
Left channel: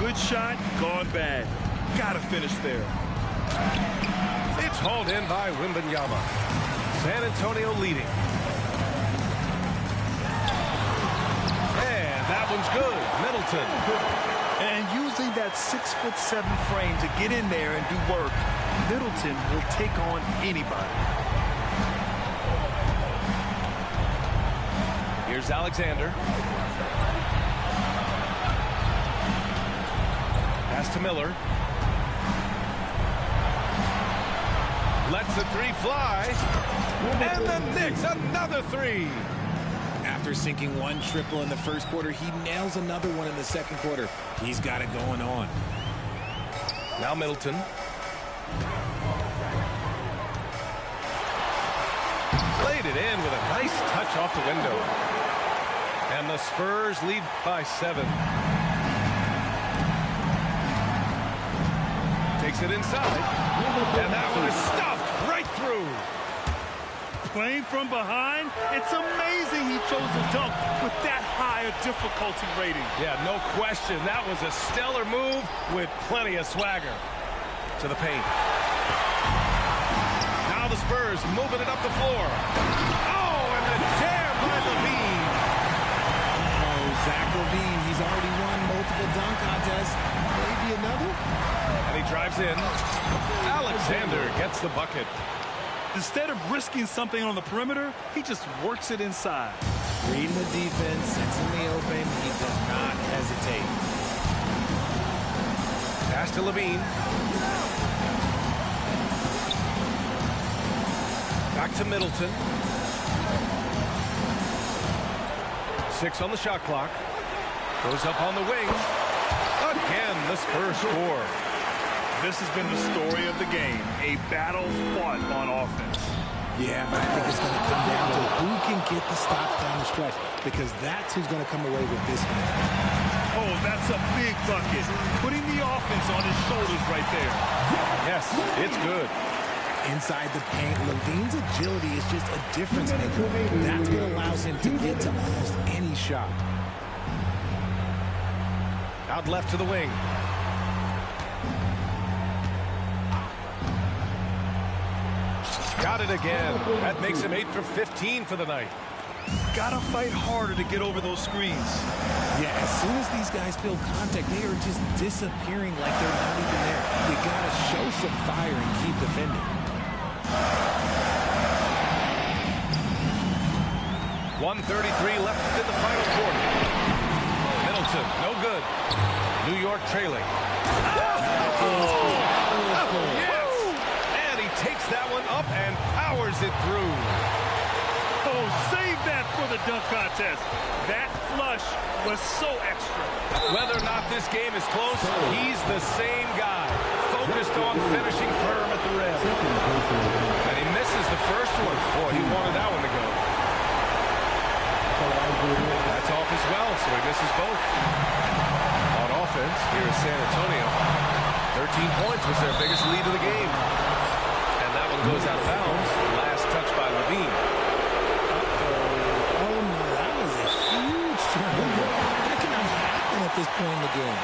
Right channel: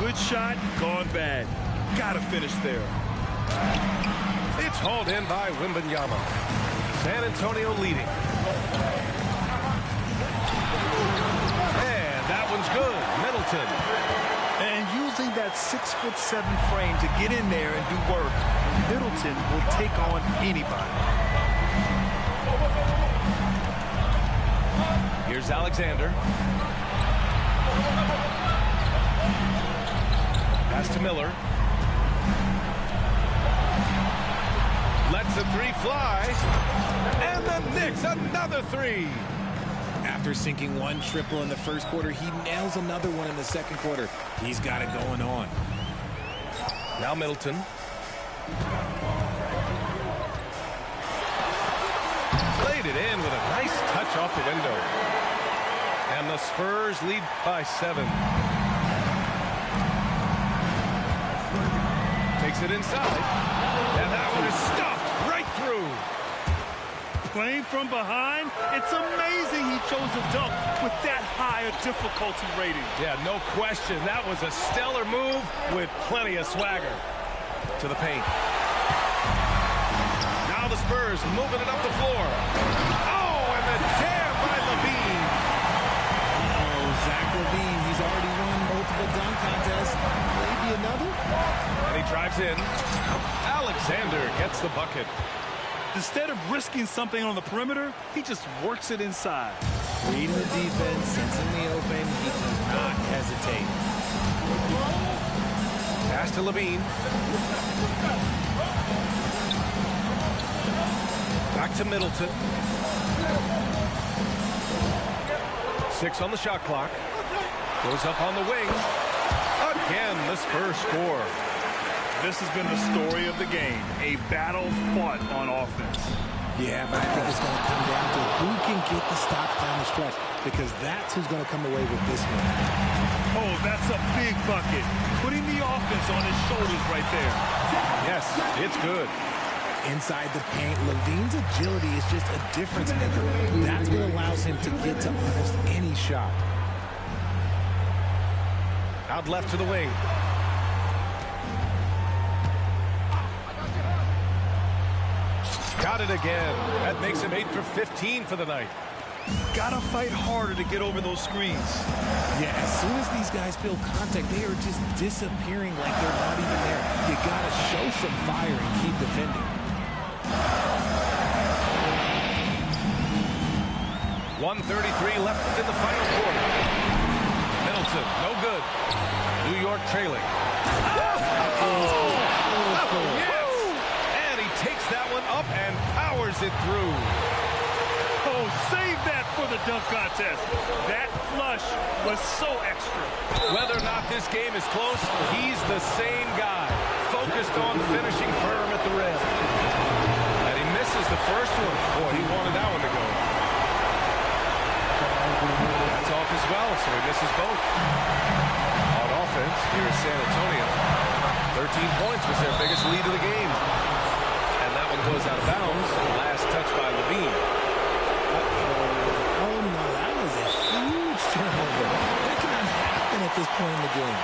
Good shot, gone bad. Gotta finish there. It's hauled in by Wembanyama. San Antonio leading. And that one's good. Middleton. And using that 6'7" frame to get in there and do work, Middleton will take on anybody. Here's Alexander. Pass to Miller. Lets the 3 fly. And the Knicks, another 3. After sinking 1 triple in the first quarter, he nails another one in the second quarter. He's got it going on. Now Middleton. Played it in with a nice touch off the window. And the Spurs lead by 7. Takes it inside. And that one is stuffed right through. Playing from behind, it's amazing he chose to dunk with that high a difficulty rating. Yeah, no question. That was a stellar move with plenty of swagger. To the paint. Now the Spurs moving it up the floor. Oh, and the jam by LaVine. Oh, Zach LaVine, he's already won multiple dunk contests. Maybe another? And he drives in. Alexander gets the bucket. Instead of risking something on the perimeter, he just works it inside. Reading the defense, sensing the open, he does not hesitate. Pass to LaVine. Back to Middleton. 6 on the shot clock. Goes up on the wing. A again, the Spurs score. This has been the story of the game, a battle fought on offense. Yeah, but I think it's going to come down to who can get the stops down the stretch, because that's who's going to come away with this one. Oh, that's a big bucket. Putting the offense on his shoulders right there. Yes, it's good. Inside the paint, Levine's agility is just a difference maker. That's what allows him to get to almost any shot. Out left to the wing. Got it again. That makes him 8 for 15 for the night. Gotta fight harder to get over those screens. Yeah, as soon as these guys feel contact, they are just disappearing like they're not even there. You gotta show some fire and keep defending. 1:33 left in the final quarter. Middleton, no good. New York trailing. Yes! And he takes that one up and powers it through. Oh, save that for the dunk contest. That flush was so extra. Whether or not this game is close, he's the same guy, focused on finishing firm at the rim. And he misses the first one. Boy, he wanted that one to go. That's off as well, so he misses both. On offense, here is San Antonio. 13 points was their biggest lead of the game. And that one goes out of bounds. Last touch by Levine. Oh, no, that was a huge turnover. That cannot happen at this point in the game.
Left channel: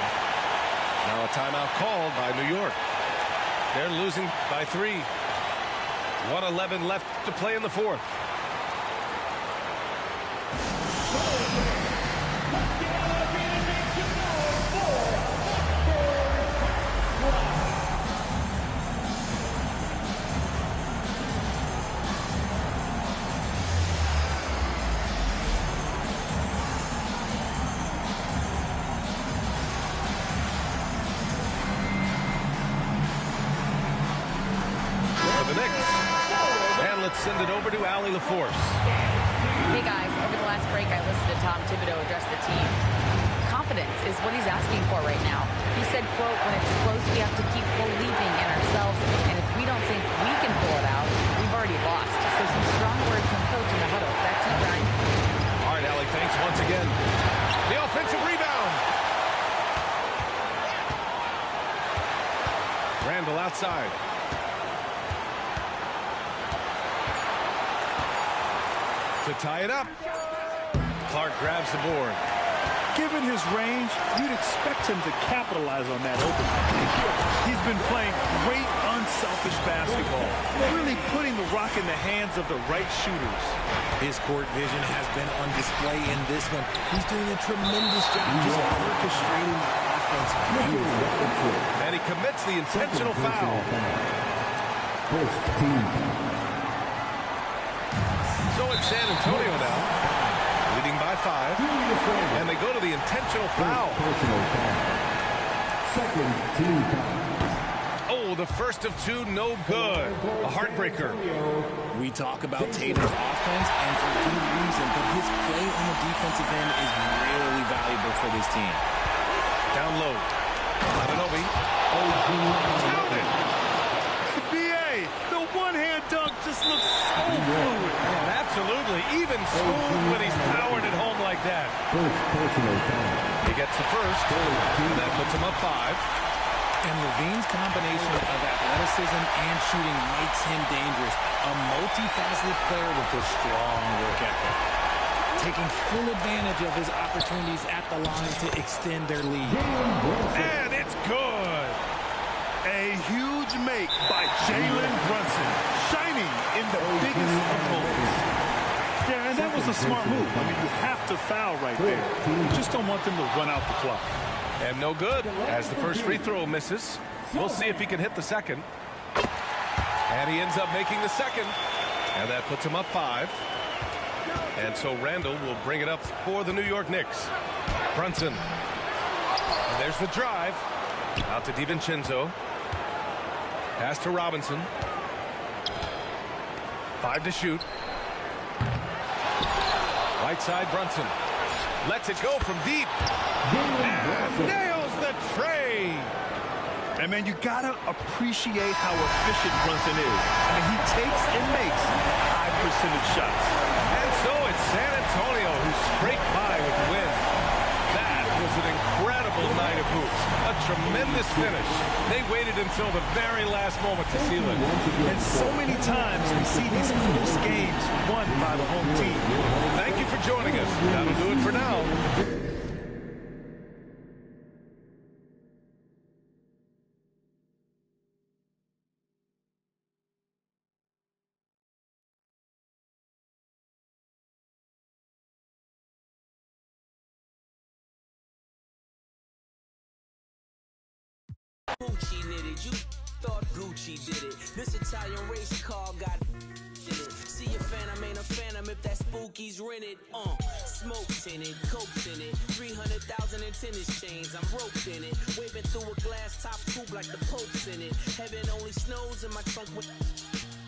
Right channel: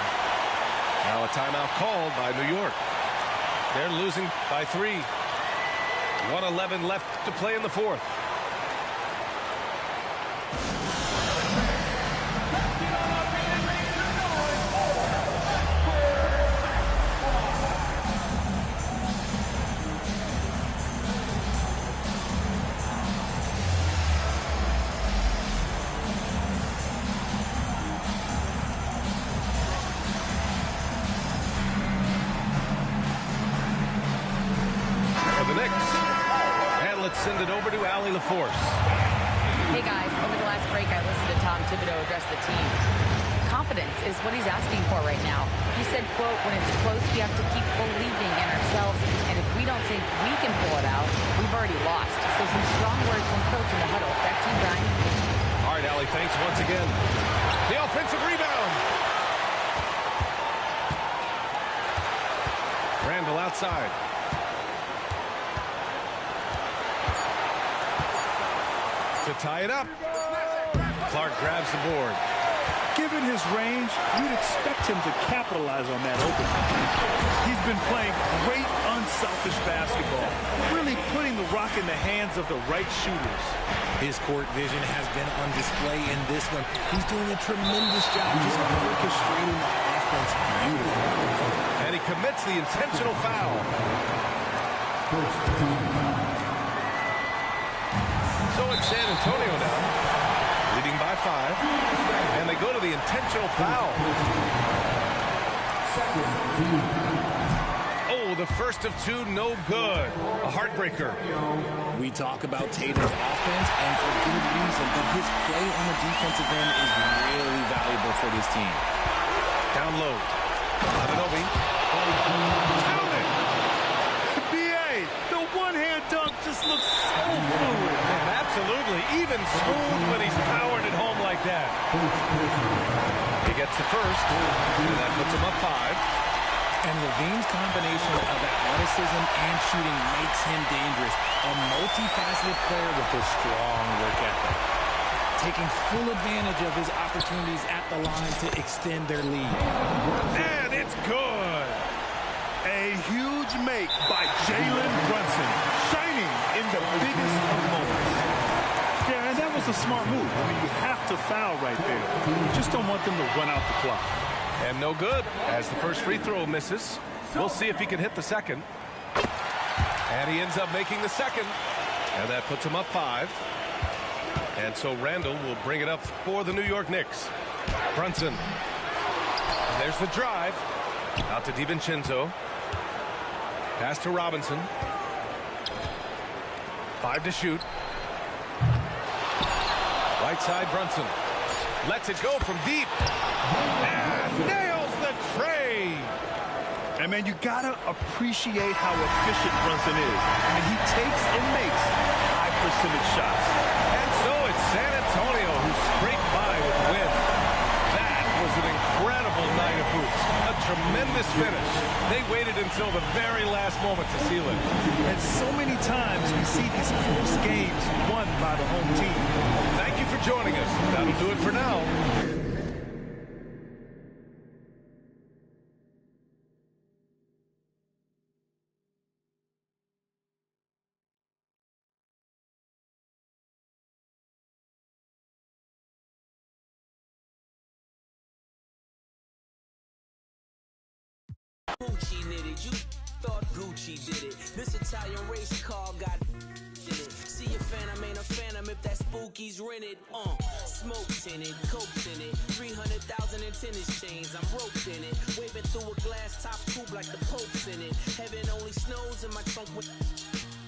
Now a timeout called by New York. They're losing by 3. 1:11 left to play in the fourth. For the Knicks. And let's send it over to Allie LaForce. Hey guys, over the last break I listened to Tom Thibodeau address the team. Confidence is what he's asking for right now. He said, quote, when it's close we have to keep believing in ourselves, and if we don't think we can pull it out, we've already lost. So some strong words from coach in the huddle. Back to you, Brian. All right, Allie, thanks once again. The offensive rebound. Randall outside. To tie it up. Clark grabs the board. Given his range, you'd expect him to capitalize on that opening. He's been playing great, unselfish basketball, really putting the rock in the hands of the right shooters. His court vision has been on display in this one. He's doing a tremendous job just orchestrating the offense beautifully. And he commits the intentional foul. First team foul. So it's San Antonio now, leading by 5, and they go to the intentional foul. Second team foul. Oh, the first of 2, no good. A heartbreaker. We talk about Tatum's offense, and for good reason, but his play on the defensive end is really valuable for this team. Down low. Anunoby. Count it. B.A., the one-hand dunk just looks so fluid. Man, absolutely. Even smooth when he's powered it home like that. He gets the first, and that puts him up 5. And Levine's combination of athleticism and shooting makes him dangerous. A multifaceted player with a strong work ethic. Taking full advantage of his opportunities at the line to extend their lead. And it's good. A huge make by Jalen Brunson, shining in the biggest of moments. Yeah, and that was a smart move. I mean, you have to foul right there. You just don't want them to run out the clock. And no good, as the first free throw misses. We'll see if he can hit the second. And he ends up making the second. And that puts him up 5. And so Randall will bring it up for the New York Knicks. Brunson. And there's the drive. Out to DiVincenzo. Pass to Robinson. 5 to shoot. Right side Brunson. Lets it go from deep. And nails the Frey. And, man, you got to appreciate how efficient Brunson is. I mean, he takes and makes high percentage shots. And so it's San Antonio who scraped by with the win. That was an incredible night of hoops. A tremendous finish. They waited until the very last moment to seal it. And so many times we see these close games won by the home team. Thank you for joining us. That'll do it for now. Gucci knitted, you thought Gucci did it. This Italian race car got in it. See a phantom ain't a phantom if that spooky's rented. Smokes in it, cokes in it, 300,000 in tennis chains. I'm roped in it, waving through a glass top coupe like the Pope's in it. Heaven only snows in my trunk. With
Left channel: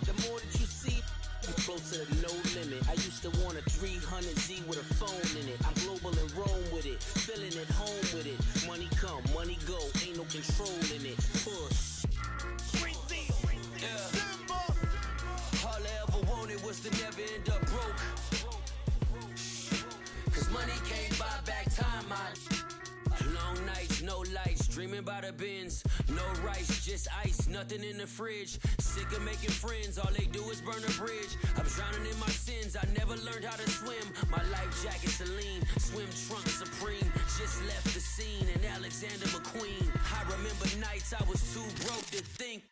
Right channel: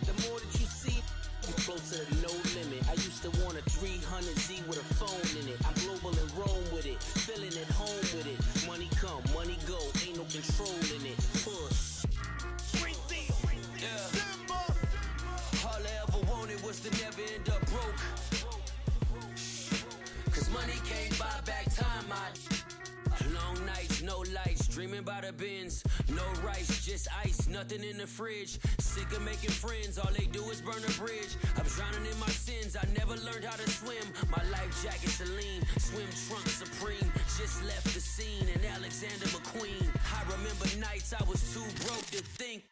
the more that you see, I'm closer to no limit. I used to want a 300Z with a phone in it. I'm global in Rome with it, feeling at home with it. Money come, money go, ain't no control in it. Push. Yeah. All I ever wanted was to never end up broke. Cause money can't buy back time. Long nights, no lights, dreaming about the bins. No rice, just ice, nothing in the fridge. Sick of making friends, all they do is burn a bridge. I'm drowning in my sins, I never learned how to swim. My life jacket Celine, swim trunk Supreme. Just left the scene in Alexander McQueen. I remember nights I was too broke to think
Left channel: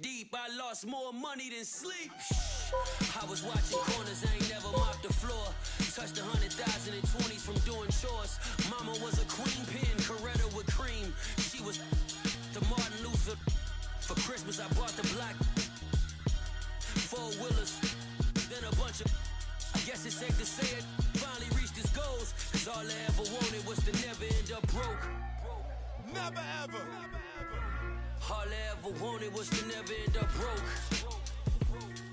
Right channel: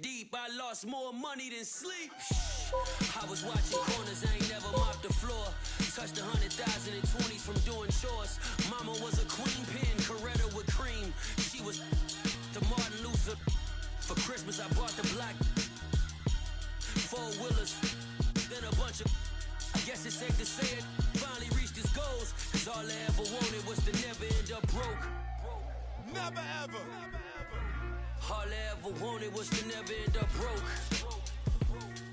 deep. I lost more money than sleep. I was watching corners, I ain't never mopped the floor. Touched 100,000 in 20s from doing chores. Mama was a queen pin, Coretta with cream. She was to Martin Luther. For Christmas I bought the black 4-wheelers. Then a bunch of, I guess it's safe to say it, finally reached his goals. Cause all I ever wanted was to never end up broke. Never ever. All I ever wanted was to never end up broke.